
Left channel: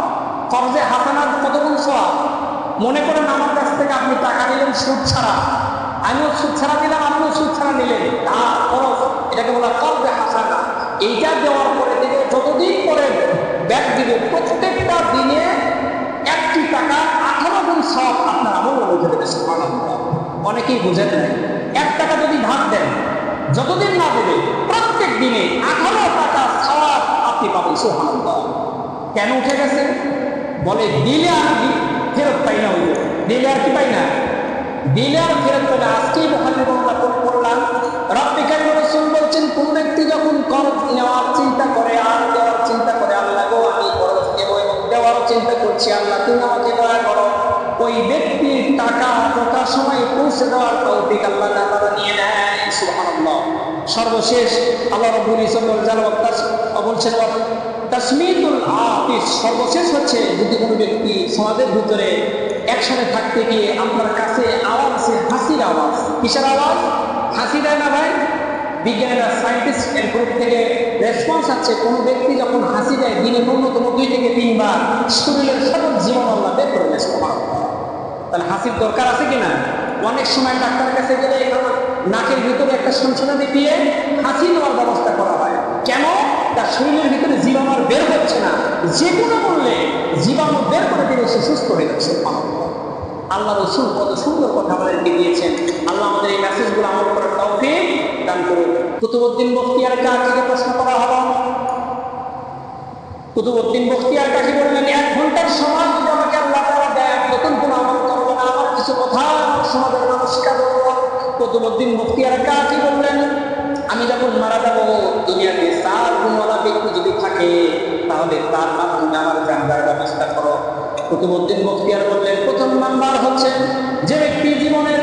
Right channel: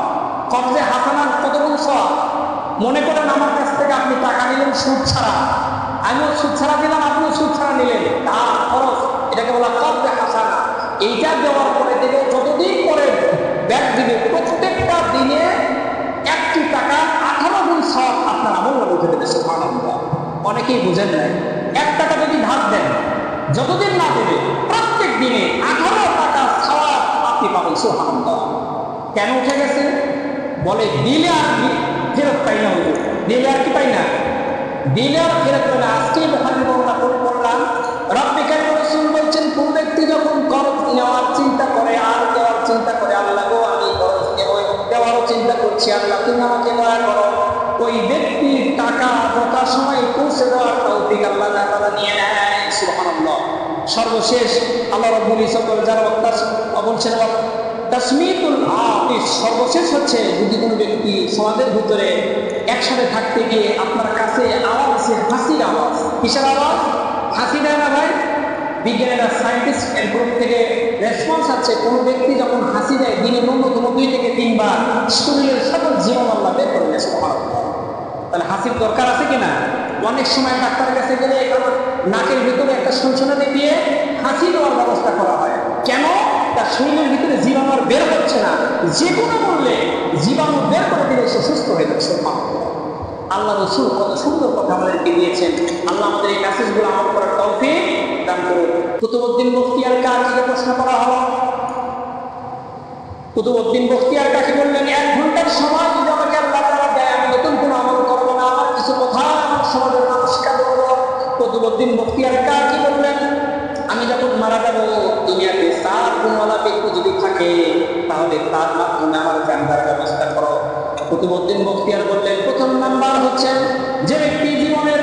কর্জে হাসানার কত গুণ সওয়াব? মনে করেন আমার কাছ থেকে আপনি টাকা নিলেন সুদ ছাড়া, আমিও সুদ ছাড়া দিলাম, আপনিও সুদ ছাড়া নিলেন, ধার খরচ, এটাকে বলা কর্জে হাসানা। এইটা দেওয়ার পরে থেকে যতদিন পরে ব্যাক দিবে, প্রত্যেকটা দিনে 1টি টাকা 18 গুণ সওয়াব আপনার আমলনামায় উঠে দেবে। সুবহানাল্লাহ। অনেকেই বুঝেন নাই। 1 টাকা যদি ধার দেন, যতদিন না দেবে, প্রত্যেক দিনে 18 টাকা সওয়াব আপনি পাবেন। সুবহানাল্লাহ। কেন উঠে গেছে? বলে দিলে আর ফেরত পাই না। হুজুর, দিলে আর কি পাই না? দিলে আর ফেরত পাই না। আজকেই বুখারীর বর্ণনা পড়লাম, রাব্বি কারীম রাসূল বলছেন, কোন ব্যক্তি যখন কর্জ নেওয়ার চিন্তা করে আর দেওয়ার চিন্তা করে, আল্লাহ গো আমি কর্জ নেব এবং দেওয়ারও চিন্তা করছি, আল্লাহ তুমি আমাকে দয়া করো, ওই ব্যক্তির টাকা যথাসময়ে পৌঁছে দেওয়ার তৌফিক আল্লাহ তাআলা নিয়ে নেয়। সুবহানাল্লাহ। সর্বশেষ আল্লাহ রাব্বুল ইজ্জত বলছেন তাসমিতুল আতিস। সর্বশেষ হচ্ছে যদি কোনো ব্যক্তি সমাজের ভিতরে একসাথে থাকতে গিয়ে আপনার কাছে আওয়াজ আছে, হাসির আওয়াজ। কিসের আওয়াজ? হাসি দেয় না ভাই? বিজ্ঞানীরা, সায়েন্টিস্ট এর গ্রুপ থেকে রেসপন্স আছে, কোনো ব্যক্তি যখন হাসি দেয় দিনে ন্যূনতম 2 থেকে 3 বার শরীরের সকল জীবন আল্লাহ বের করে দেয়। সুবহানাল্লাহ। তাহলে হাসির দরকার আছে কিনা? অনেক সময় ডাক্তারের কাছে গেলে নাকের ভিতরে একটা সনসনানি দিয়ে হাসি দেওয়ার ব্যবস্থা করা হয়। কেন? তার শরীরের ভিতরে জীবাণু আর বের হচ্ছে না, যে কোনো মূল্যে জীবাণু বের করে দিলে সে সুস্থ হয়ে যাবে। সুবহানাল্লাহ। আল্লাহ রাসূল কত সুন্দর কথা আমাদেরকে দিয়েছেন। আল্লাহ আমাদের এই মেসেজগুলো আমল করার তৌফিক দান করুন। কুতুবউদ্দিন বখতিয়ার কাকে প্রশ্ন করা হলো? কুতুবউদ্দিন বখতিয়ার কাকে বললেন, 1 ঘন্টার সময় যদি আমাকে আল্লাহ তাআলা দেয়, আমি নতুন কোনো আমল করব না, আমার কিছু কথা আমার সমাজের মানুষকে বলবো। কুতুবউদ্দিন বখতিয়ার কাকে বললেন, আমি যখন মারা যাব, দুনিয়াতে 4 গুণওয়ালা ব্যক্তি যদি থাকে, তাহলে তার মাধ্যমে আমার জানাজার ব্যবস্থা করো। কুতুবউদ্দিন বখতিয়ার বললেন, 1 নাম্বার হচ্ছে যে ব্যক্তি জীবনের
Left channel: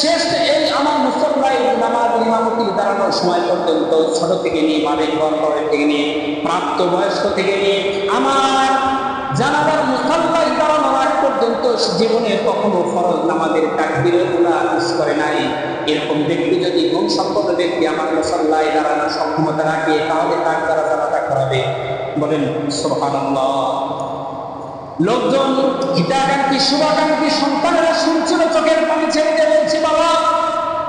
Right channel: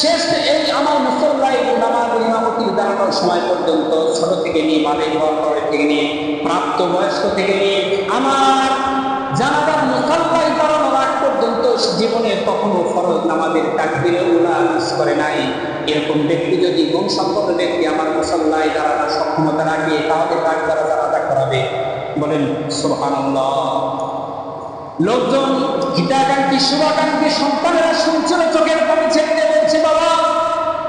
শেষ এই আমার মুসল্লায় নামাজ ইমামতির দাঁড়ানোর সময় পর্যন্ত, ছোট থেকে নিয়ে বালিগ হওয়ার পরে থেকে নিয়ে প্রাপ্ত বয়স্ক থেকে নিয়ে আমার জানাজার মুসল্লায় দাঁড়ানোর আগ পর্যন্ত জীবনে কখনো ফরজ নামাজের তাকবীরে উলা মিস করে নাই, এরকম ব্যক্তি যদি গুণসম্পন্ন ব্যক্তি আমার মুসল্লায় দাঁড়ানোর সক্ষমতা রাখে, তাহলে তার দ্বারা জানাজা করাবে। বলেন সুবহানাল্লাহ। লোকজন হিতাকাঙ্ক্ষী শুভাকাঙ্ক্ষী সন্তানেরা শুনছিল, চোখের পানি ছেড়ে দিয়ে বলছে, বাবা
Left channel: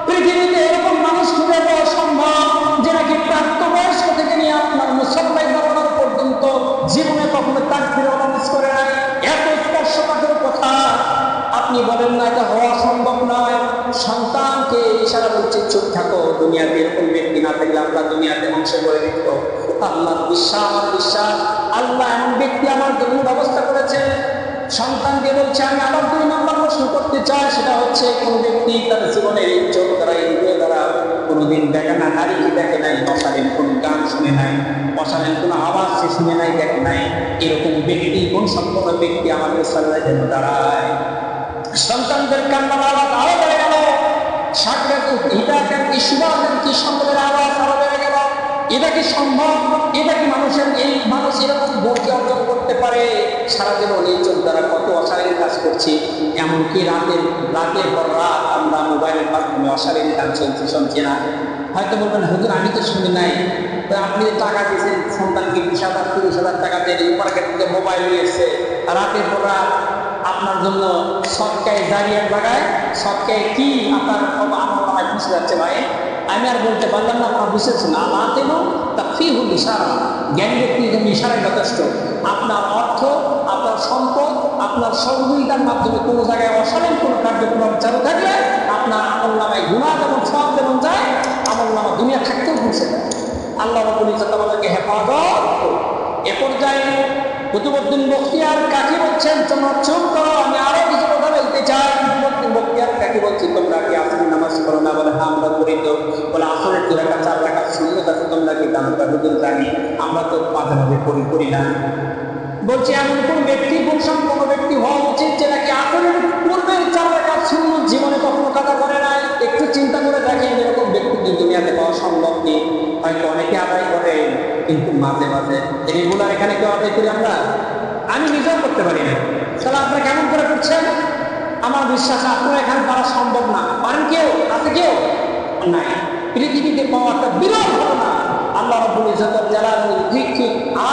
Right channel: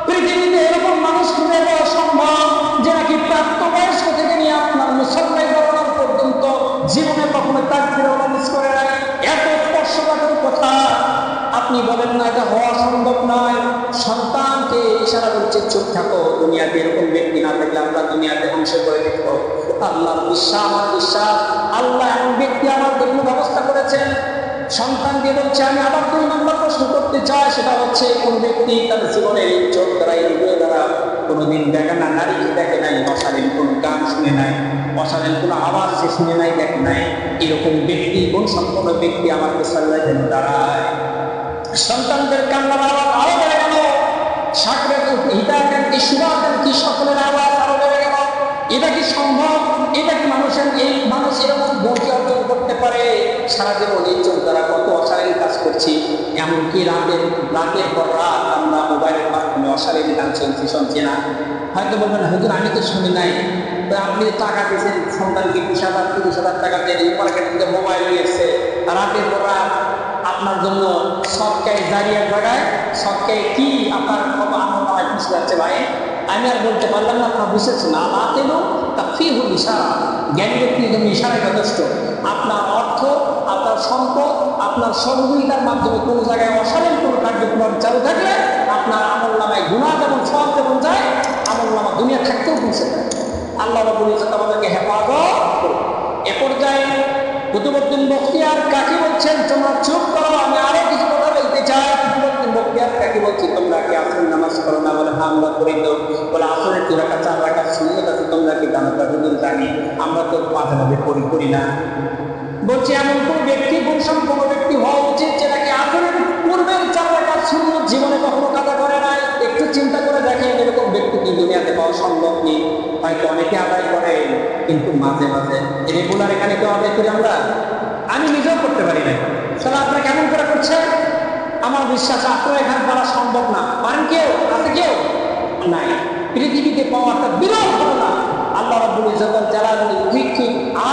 পৃথিবীতে এরকম মানুষ খুঁজে পাওয়া সম্ভব যে নাকি প্রাপ্তবয়স্ক থেকে নিয়ে আপনার মুসল্লায় দাঁড়ানোর পর্যন্ত জীবনে কখনো তাকবীরে উলা মিস করে নাই। এত স্পর্শকাতর কথা আপনি বলেন না, এটা হওয়া সম্ভব নয়। সন্তানকে ইশারা বলছে, চুপ থাকো, দুনিয়াতে এরকম ব্যক্তি না থাকলে আল্লাহ দুনিয়াতে ধ্বংস করে দিত। আল্লাহর বিশ্বাস, আমার বিশ্বাস, আল্লাহ এমন ব্যক্তি আমার জন্য ব্যবস্থা করেছেন। সন্তানকে বলছে, আমি আবার 2 নম্বর প্রশ্ন করতে চাই, সেটা হচ্ছে কোন ব্যক্তি তার জীবনের এই চোখ দ্বারা, ইন্দ্রিয় দ্বারা কোনোদিন বেগানা নারীকে দেখে নাই, অশালীন কোন গান শুনে নাই, অশালীন কোন আওয়াজ সে শুনে নাই, দেখে নাই, এরকম ব্যক্তি, কোন সম্পূর্ণ ব্যক্তি আমার মুসল্লায় যেন দাঁড়ায়। সন্তানদের কান্নার আওয়াজ আরো বেড়ে গেল, হিতাকাঙ্ক্ষী শুভাকাঙ্ক্ষী সকলের আওয়াজ আরো বেড়ে গেল। এটা কি সম্ভব? এটা কি মানুষ এরকম গুণকে অর্জন করতে পারে? সারা জীবন এই চোখ দ্বারা কত অশালীন কাজ করছি, এমনকি রাতের পর রাত আমরা মোবাইলের মাধ্যমে অশালীন গান শুনছি না। হয়তো বলবেন, হুজুর আমি তো শুনি নাই, তো আপনি যে টাকা দিয়েছেন সন্তানকে 20,000 30,000 টাকা দিয়ে মার্কেট থেকে মোবাইল নিয়ে এসছে, রাতের পর রাত আপনার জন্য সৎকায় জারিয়ার জায়গায় সৎকায় কি আপনার আমল নামায় পিছিয়ে যাচ্ছে ভাই। আমি আর বলতে পারলাম না, আপনার বুঝেছেন আল্লাহ তেল তা ফি হল ইশারা, জ্ঞানী ব্যক্তির জন্য ইশারাই যথেষ্ট। আপনার অর্থ, আপনার সম্পদ, আপনার সহযোগিতার মাধ্যমে কোনো জায়গায় অশালীন কোনো কার্যক্রম চালু থাকলে আপনার আমল নামায় গুনাহ যেমন সব যেমন যায়, আমল নামা দুনিয়া থাকতেও পৌঁছে যায়। আল্লাহ রাব্বুল ইজ্জত আমাদেরকে হেফাজত করুন। এ পর্যায়ে কুতুবউদ্দিন বখতিয়ার কাকি বলছেন, তোমরা চুপ করো, আমি আরো কিছু কথা বলতে চাই। কুতুবউদ্দিন বখতিয়ার কাকি বলছি, তোমরা কি আসরের নামাজ পড়ো না? বলে হ্যাঁ আমরা পড়ি। তো বলে আসরের 2 রাকাত 4 রাকাত সুন্নাত আছে, তোমরা কি জানো? হুজুর জানি, আমরা তো মাঝে মাঝে পড়ি না। বলছি এমন কোন ব্যক্তি, গুণসম্পন্ন ব্যক্তি হওয়া উচিত যে নাকি আসরের পূর্বের 4 রাকাত সুন্নাত জীবনে কখনো কাজা করে নাই? একটু চিন্তা করে দেখেন, এরকম ব্যক্তি কি দুনিয়াতে পাওয়া সম্ভব নেই? হয়তো অনেকে আদায় করেন, কিন্তু মাঝে মাঝে রেগুলার এখানে কেউ আদায় করি আমরা? আমি নিজেও করতে পারি না। তাহলে আপনারা কেমন করে করছেন? আমার বিশ্বাস আপনারা এখানে পারা সম্ভব না। পারেন কেউ? আছে কেউ? নাই। পৃথিবীতে পাওয়া একটা বিরল ঘটনা। আল্লাহ রাব্বুল ইজ্জতুল জালালুল ঠিক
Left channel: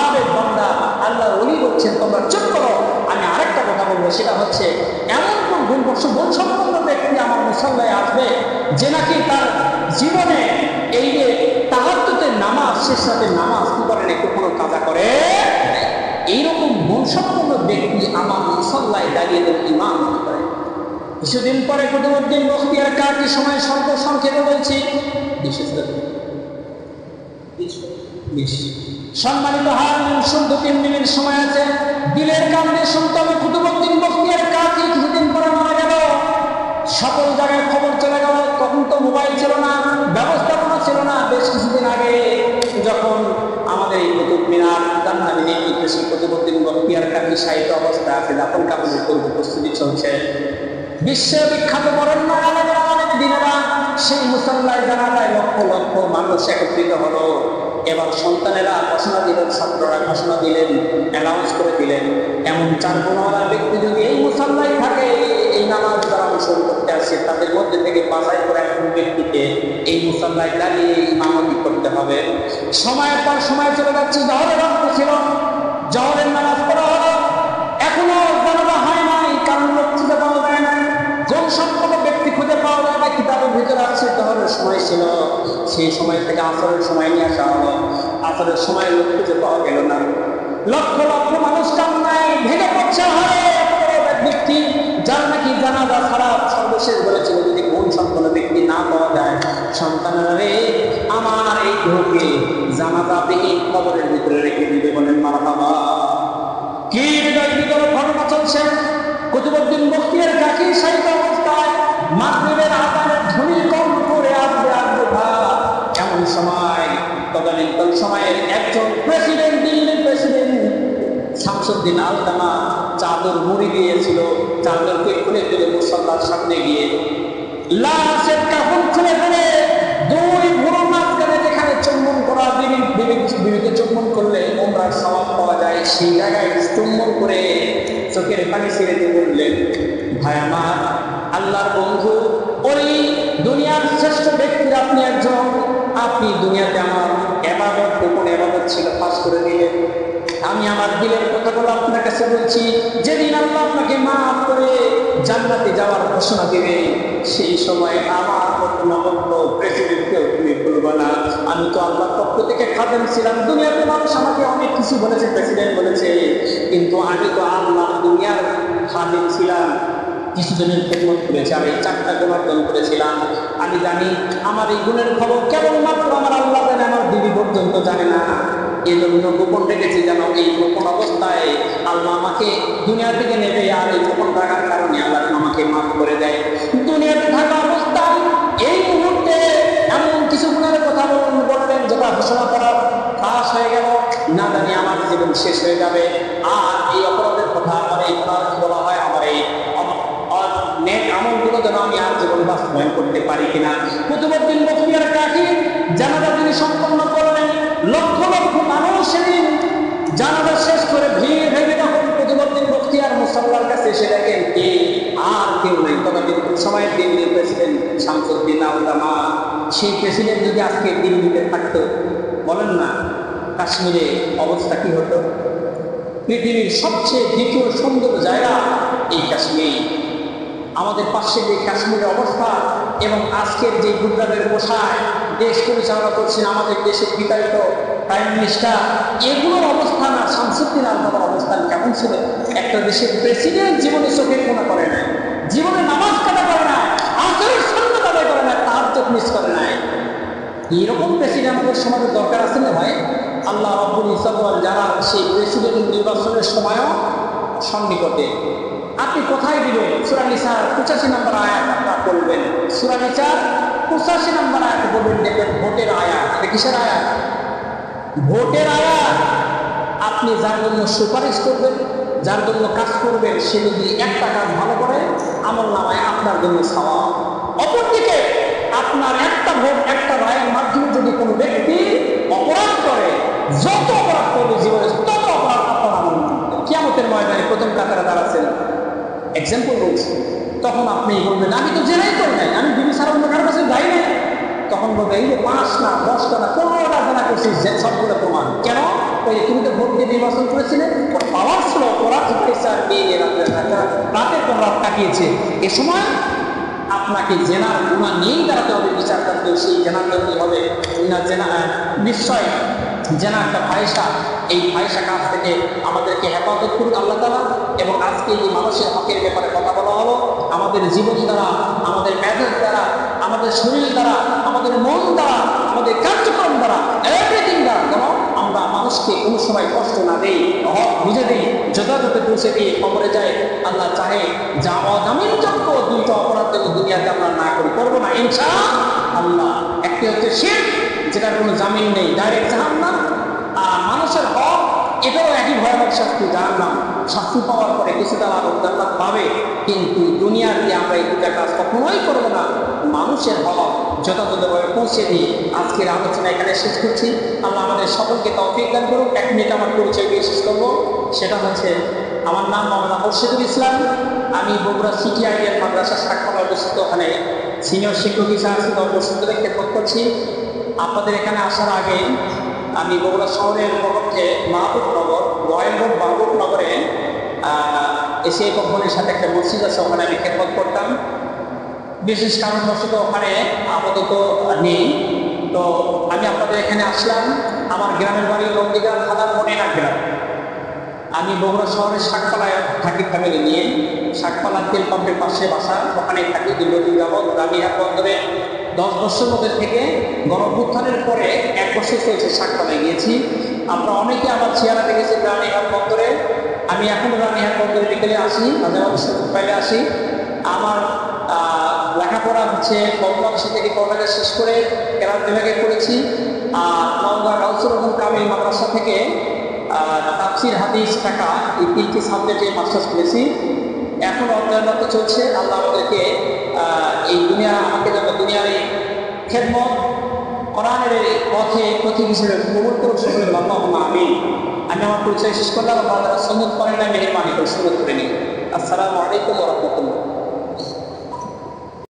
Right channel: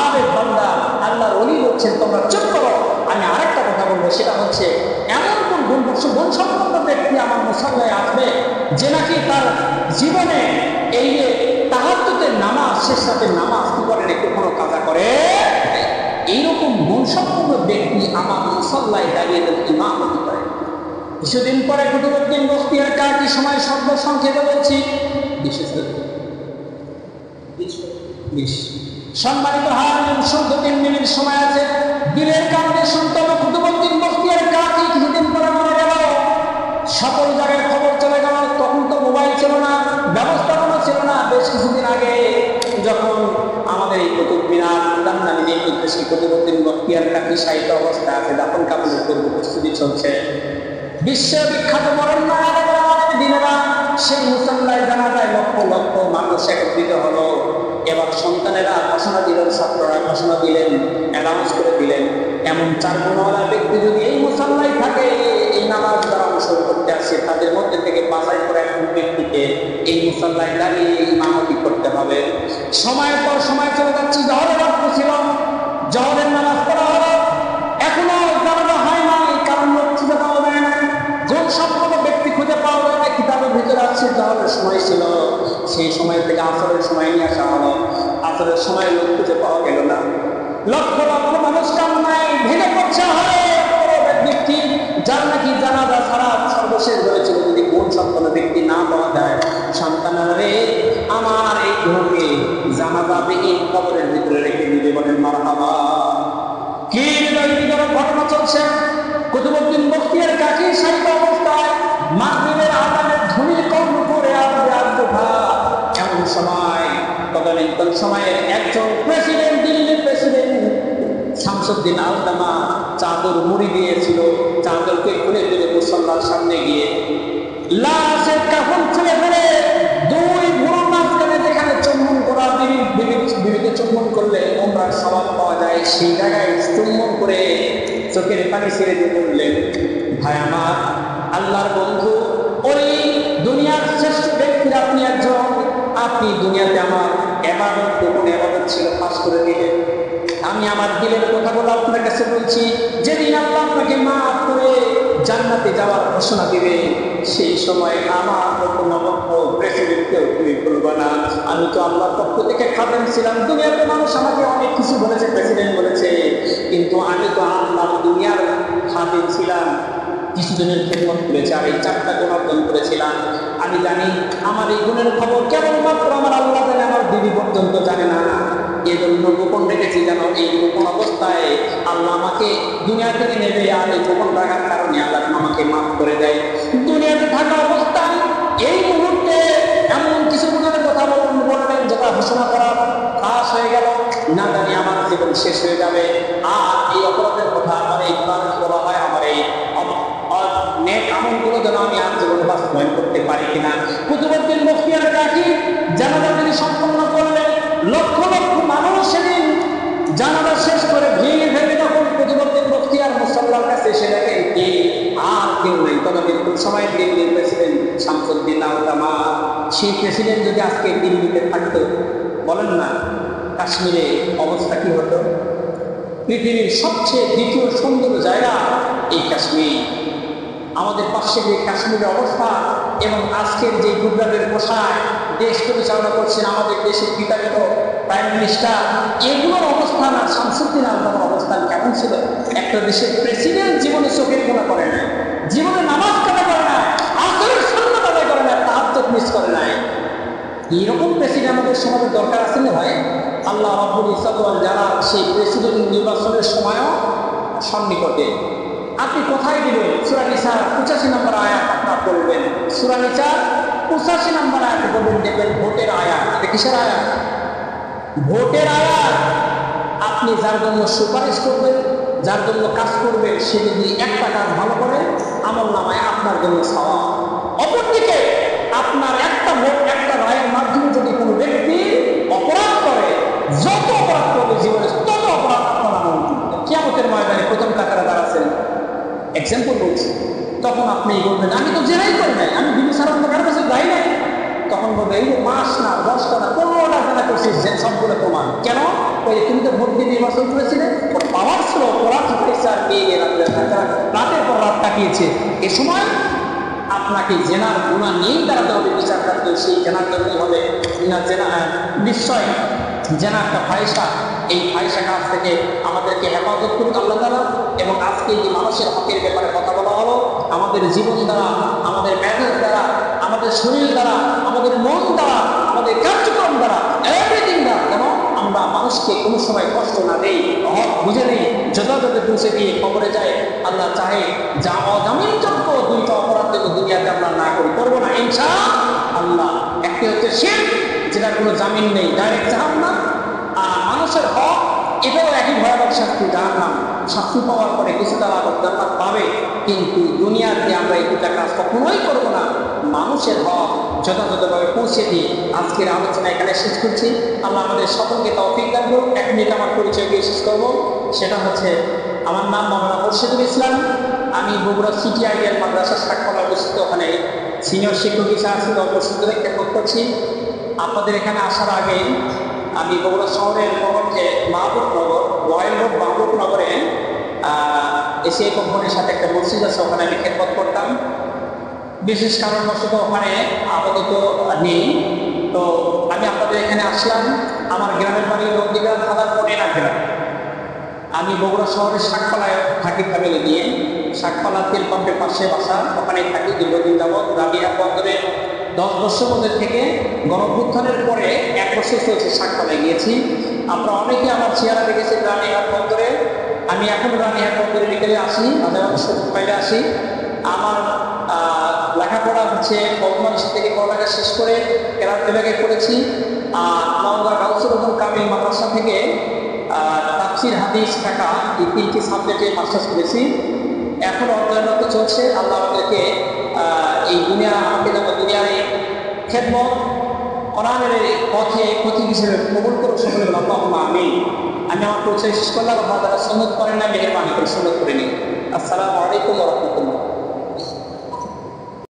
আবেদ বান্দা আল্লাহর ওলি বলছেন, তোমরা চুপ করো, আমি আরেকটা কথা বলবো। সেটা হচ্ছে এমন কোন গুণসম্পন্ন ব্যক্তি আমার মুসল্লায় আসবে যে নাকি তার জীবনে এই যে তাহাজ্জুদের নামাজ, শেষ রাতের নামাজ কি করেন, একটু কোনো কাজা করে? এইরকম গুণসম্পন্ন ব্যক্তি আমার মুসল্লায় দাঁড়িয়ে ইমামতি করে। কিছুদিন পরে কুতুবউদ্দিন বখতিয়ার কাকি সময় শব্দ সংক্ষেপে বলছি 20 সম্মানিত হাজিরিন, শুধু 3 মিনিট সময় আছে, দিলের কান দিয়ে শুনতে হবে। কুতুবউদ্দিন বখতিয়ার কাকি কিছুদিন পরে মারা গেল। সকল জায়গায় খবর চলে গেল। তখন তো মোবাইল ছিল না, ব্যবস্থাপনা ছিল না। বেশ কিছুদিন আগে যখন আমাদের এই কুতুব মিনার জান্নাতি নির্দেশে কুতুবউদ্দিন বখতিয়ার কাকি সাহিত্য অবস্থা আছে, দাফন কাফনের পূর্ব প্রস্তুতি চলছে। বিশ্ববিখ্যাত বরেণ্য আলেমেরা অনেক দিনেরা সেই মুসল্লায় জানাজায় লক্ষ লক্ষ মানুষ একত্রিত হলো। এবার সন্তানেরা ঘোষণা দিলেন, ছাত্ররা ঘোষণা দিলেন, অ্যানাউন্স করে দিলেন, এমন 4 গুণওয়ালা ব্যক্তি যদি এই মুসল্লায় থাকে, এই নামাজ দ্বারা অনুসরণ করতে আসে, তাদের মধ্যে থেকে বাছাই করে একজন ব্যক্তিকে এই মুসল্লায় দাঁড়িয়ে ইমামতি করতে হবে। সময়ের পর সময় চলে যাচ্ছে, জহরের রক্ত ছিল, জহরের নামাজ পড়া হলো, এখনো জানাজা হয় নাই, কারণ লোক খুঁজে পাওয়া যায় না, গুণসম্পন্ন ব্যক্তি খুঁজে পাওয়া যায় না। কিতাবের ভিতরে আসছে জহরের সময় ছিল, সেই সময় থেকে আসরের সময় নিয়ে আসা হলো। আসরের সময় লোক খুঁজে পাওয়া গেল না। লক্ষ লক্ষ মানুষ কান্নায় ভেঙে পড়ছে। হারে এত বড় ব্যক্তি যার নাকি জানাজা ছাড়া সর্বশেষ বলেছিল, যদি গুণসম্পন্ন ব্যক্তি না পাওয়া যায়, সন্তানেরা রে আমার এই দেহকে জানাজাবিহীন কবরের ভিতরে রেখে দিবে। বলেন মারহাবা। কি হৃদয় বিদারক ঘটনা চলছে। কুতুবউদ্দিন বখতিয়ার কাকি সাহিত্য অবস্থায় মাগরিবের আযানের ধ্বনি কর্ণ করে আসবে ভাত। এমন সময় তদানীন্তন সময়ের একজন প্রেসিডেন্ট, দিল্লির প্রেসিডেন্ট শামসুদ্দিন আলতামা চাদর মুড়ি দিয়েছিল, চাদরকে খুলে ফেলে মুসল্লার সামনে গিয়ে লাশের কাফন খুলে ফেলে 2 ভুরুর মাঝখানে যেখানে চুম্বন করা, বিবিকে চুম্বন করলে ওমরার স্বভাব পাওয়া যায়, সেই জায়গায় চুম্বন করে চোখের পানি ছেড়ে দিয়ে বললেন, ভাই আমার, আল্লাহর বন্ধু, ওই দুনিয়ার শ্রেষ্ঠ ব্যক্তির আপনি একজন। আপনি দুনিয়াতে আমার ইবাদত, গোপন ইবাদত ছিল, পাস করে দিলেন। আমি আমার দিলের কথাগুলো আপনার কাছে বলছি। যেদিন আল্লাহ আপনাকে মাফ করে জান্নাতে যাওয়ার ঘোষণা দিবে, সেই সময় আমার মতো নগণ্য প্রেসিডেন্টকেও তুমি বলবা না। আমি তো আল্লাহর পক্ষ থেকে খাদেম ছিলাম। দুনিয়াতে মানুষ আমাকে অনেক কিছু বলেছে, প্রেসিডেন্ট বলেছে, কিন্তু আমি তো আল্লাহর দুনিয়ার খাদেম ছিলাম। কিছুদিনের খেদমত করেছে, আর এই 4টা গুণ অর্জন করেছিলাম। আমি জানি আমার এই গুণের খবর কেবলমাত্র আমার আল্লাহ জানে, আমার বিবি পর্যন্ত জানে না। এই জন্য গোপন রেখেছি, যেন এই গোপন অবস্থায় আল্লাহ আমাকে দুনিয়া থেকে নেবে, আর এই গোপন রাখার কারণে আল্লাহ আমাকে মাফ করে দেয়। দুনিয়াতে থাকা অবস্থায় এই মুহূর্তে এমন কিছু গুণের কথা বললেন যেটা ঘোষণা করা ফাঁস হয়ে গেল, না জানি আমার জীবন শেষ হয়ে যাবে। আর এই অপরাধের কথা, আমার এই গুনার বলা হয়, আমার এই নেক আমলগুলো যেন আমি আর জীবনে বাস্তবায়ন করতে পারি কিনা। কুতুবউদ্দিন বখতিয়ার কাকি জানাজা তিনি সম্পন্ন করলেন। লক্ষ লক্ষ মানুষ সেদিন জানাজা শেষ করে ভিড় ভেঙে তখন কুতুবউদ্দিন বখতিয়ার মুসল্লার কাছে এসে দেখেন কে, আর কেউ নেই। তদানীন্তন সময়ের দিল্লির প্রেসিডেন্ট শামসুদ্দিন আলতামা। সেই প্রেসিডেন্ট যদি আজকে দিল্লিতে থাকতো, বলেন না কাশ্মীরে অবস্থা কি হতো? পৃথিবীর সবচেয়ে দ্বিতীয় সুন্দর জায়গা এই কাশ্মীর। আমাদের পাশে যে কাশ্মীরের অবস্থা এবং আজকের যে গুজরাটের পোশাক দেশ পরিচালনা করছেন আমাদের দেশের বিতাড়িত প্রাইম মিনিস্টার, এগুলোর অবস্থান আর শামসুদ্দিন আলতাফার অবস্থান কেমন ছিল? একটা দেশের প্রেসিডেন্ট জীবনে চোখের কোনা করে নাই, জীবনে নামাজ কাটা করে নাই, আসরের সুন্নাত আদায় করে নাই, তাহাজ্জুদ মিস করে নাই। এরকম প্রেসিডেন্ট আমাদের সমাজে দরকার আছে না ভাই? আল্লাহ রাব্বুল ইজ্জত ওয়াল জালাল সেই প্রেসিডেন্ট নির্বাচনের সময়ও সন্নিকটে। আপনি কোথায় দিবেন? সূরা নিসার 85 নম্বর আয়াত আপনারা পড়বেন। সূরা নিসার 85 নম্বর আয়াতে পড়বেন, দেখবেন ভোটের আয়াত। এটা কিসের আয়াত? ভোটের আয়াত। আপনি যার জন্য সুপারিশ করবেন, যার জন্য কাজ করবেন, সে যদি একটা কাজ ভালো করে আমল নামায় আপনার জন্য সওয়াব। অপরদিকে আপনার একটা ভোট, একটা রায়ের মাধ্যমে যদি কোনো ব্যক্তি অপরাধ করে, যত অপরাধ করবে জীবনে তত অপরাধ আপনার আমল নামায়। কিয়ামতের ময়দানে প্রথম কাতারে দাঁড়াচ্ছেন, এক্সাম্পল বলছি, তখন আপনি বলবেন আমি তো জেনাই করি নাই, আমি বিবি সারার কারোর কাছে যাই নাই। তখন বলবে এই যে 5 না 10টা না 15টা জানা করছিস, সবগুলো প্রমাণ। কেন? ওই যে তুমি তো ভোট দিয়ে নির্বাচন করেছিলে, ওর পাওয়ার ছিল, করার শিখাইছে, আর মেয়ে রাতের পর রাত কাটিয়েছে। এ সময় আপনাকে জেনার গুনাহ নিয়েই দাঁড়াতে হবে বিচার করতে। সেই জেনার জন্যই হবে না জেনা, নিশ্চয় জেনা একটা ফাহিশা। এই ফাহিশা কাজ থেকে আমাদেরকে হেফাজত করুক আল্লাহ তাআলা। এবং আজকে এই মানুষের হকের ব্যাপারে কথা বলা হলো, আমাদের জীবন দ্বারা, আমাদের মেজাজ দ্বারা, আমাদের শরীর দ্বারা, আমাদের মন দ্বারা, আমাদের কার্যক্রম দ্বারা, এভরিথিং দ্বারা যেন আমরা মানুষকে কোনো সময় কষ্ট না দেই, হক বুঝে দিই, যথাযথ পৌঁছে দিয়ে খবরে যায়। আল্লাহ চাহে যা অজামিনযোগ্য দুইটা অপরাধ যেন দুনিয়াতে আমরা না করি, করবো না ইনশাআল্লাহ। একটি হচ্ছে শিরক, যেটার কোনো জামিন নেই, ডাইরেক্ট জাহান্নাম। আর মানুষের হক, এটাও একই ভয়াবহ শাস্তি, জাহান্নাম। শাস্তি পাওয়ার পরে কিছুটা লাভ জান্নাত পাবে, কিন্তু দুনিয়াতে আমরা এই দুটা কাজ কখনোই করবো না। মানুষের হক যথাযথভাবে পৌঁছে দিয়ে আজকের আলোচনা এখানে শেষ করছি। আল্লাহ আমাদের সকলকে তৌফিক দান করুক। 1 মিনিট আমার পরিচয় দিয়ে শেষ করবো। সেটা হচ্ছে, আমার নাম মাওলানা মুর্শিদুল ইসলাম। আমি বগুড়া সিটি আইডিয়াল মাদ্রাসা শাকপালা অবস্থিত, ওখানে সিনিয়র শিক্ষক হিসেবে আছি, 10 বছর ধরে খেদমত করছি। আপনাদের এখানে আসার আগে আমি বগুড়া শহরের পক্ষে মাহবুবনগর, রয়্যাল রোড মাহবুবনগরে এসিআই কোম্পানির সাথে একটা মসজিদ আছে, ওখানে আমি খেদমত করতাম। বিশেষ কারণবশত ওখানে আপাতত নেই। তো আমি আপনাদের এখানে আসলাম। আমার গ্রামের বাড়ি নন্দীগ্রাম থানার মনিনা গ্রাম। আমি বগুড়া শহরের শাকপালায় থাকি ফ্যামিলি নিয়ে। শাকপালা তেল পাম্পের পাশে বাসা, ওখানে থাকি দীর্ঘদিন যাবৎ। রানীহাট বন্দরে 10 বছর মধ্যে থেকে গণঅভ্যুত্থানের পরে 1 বছর চলছে শাকপালায় গিয়েছি। আপনারা অনেকে আমার চেহারা দেখেছেন রানীহাট বন্দরে। আমি এখন রানীহাট বন্দরে বিকেলে আসি, মাঝে মাঝে সুযোগ পাইলে আসি। আমার লেখাপড়া হচ্ছে বাংলাদেশ থেকে পড়ালেখা শেষ করে কেরাত বিভাগে করেছি। আর নওগাঁ গাউসুল আজম কামিল মাদ্রাসা থেকে তাফসির, হাদিস, ফিকহ, এই 3টি সাবজেক্টে মাস্টার্স করেছি। এখন অধ্যয়নরত চলছে। আল্লাহ আমাদেরকে এই আমাকে যেন দুনিয়ার এই খেদমত কোরআনের পথে পথিক হিসেবে কবুল করুক সকলে, আল্লাহুম্মা আমিন। আমি আমার পরিচয় শেষ করলাম। আপনারা যারা সুন্নত করেন না, মেহেরবানি করে সুন্নত করে নিন। আসসালামু আলাইকুম ওয়া রাহমাতুল্লাহ।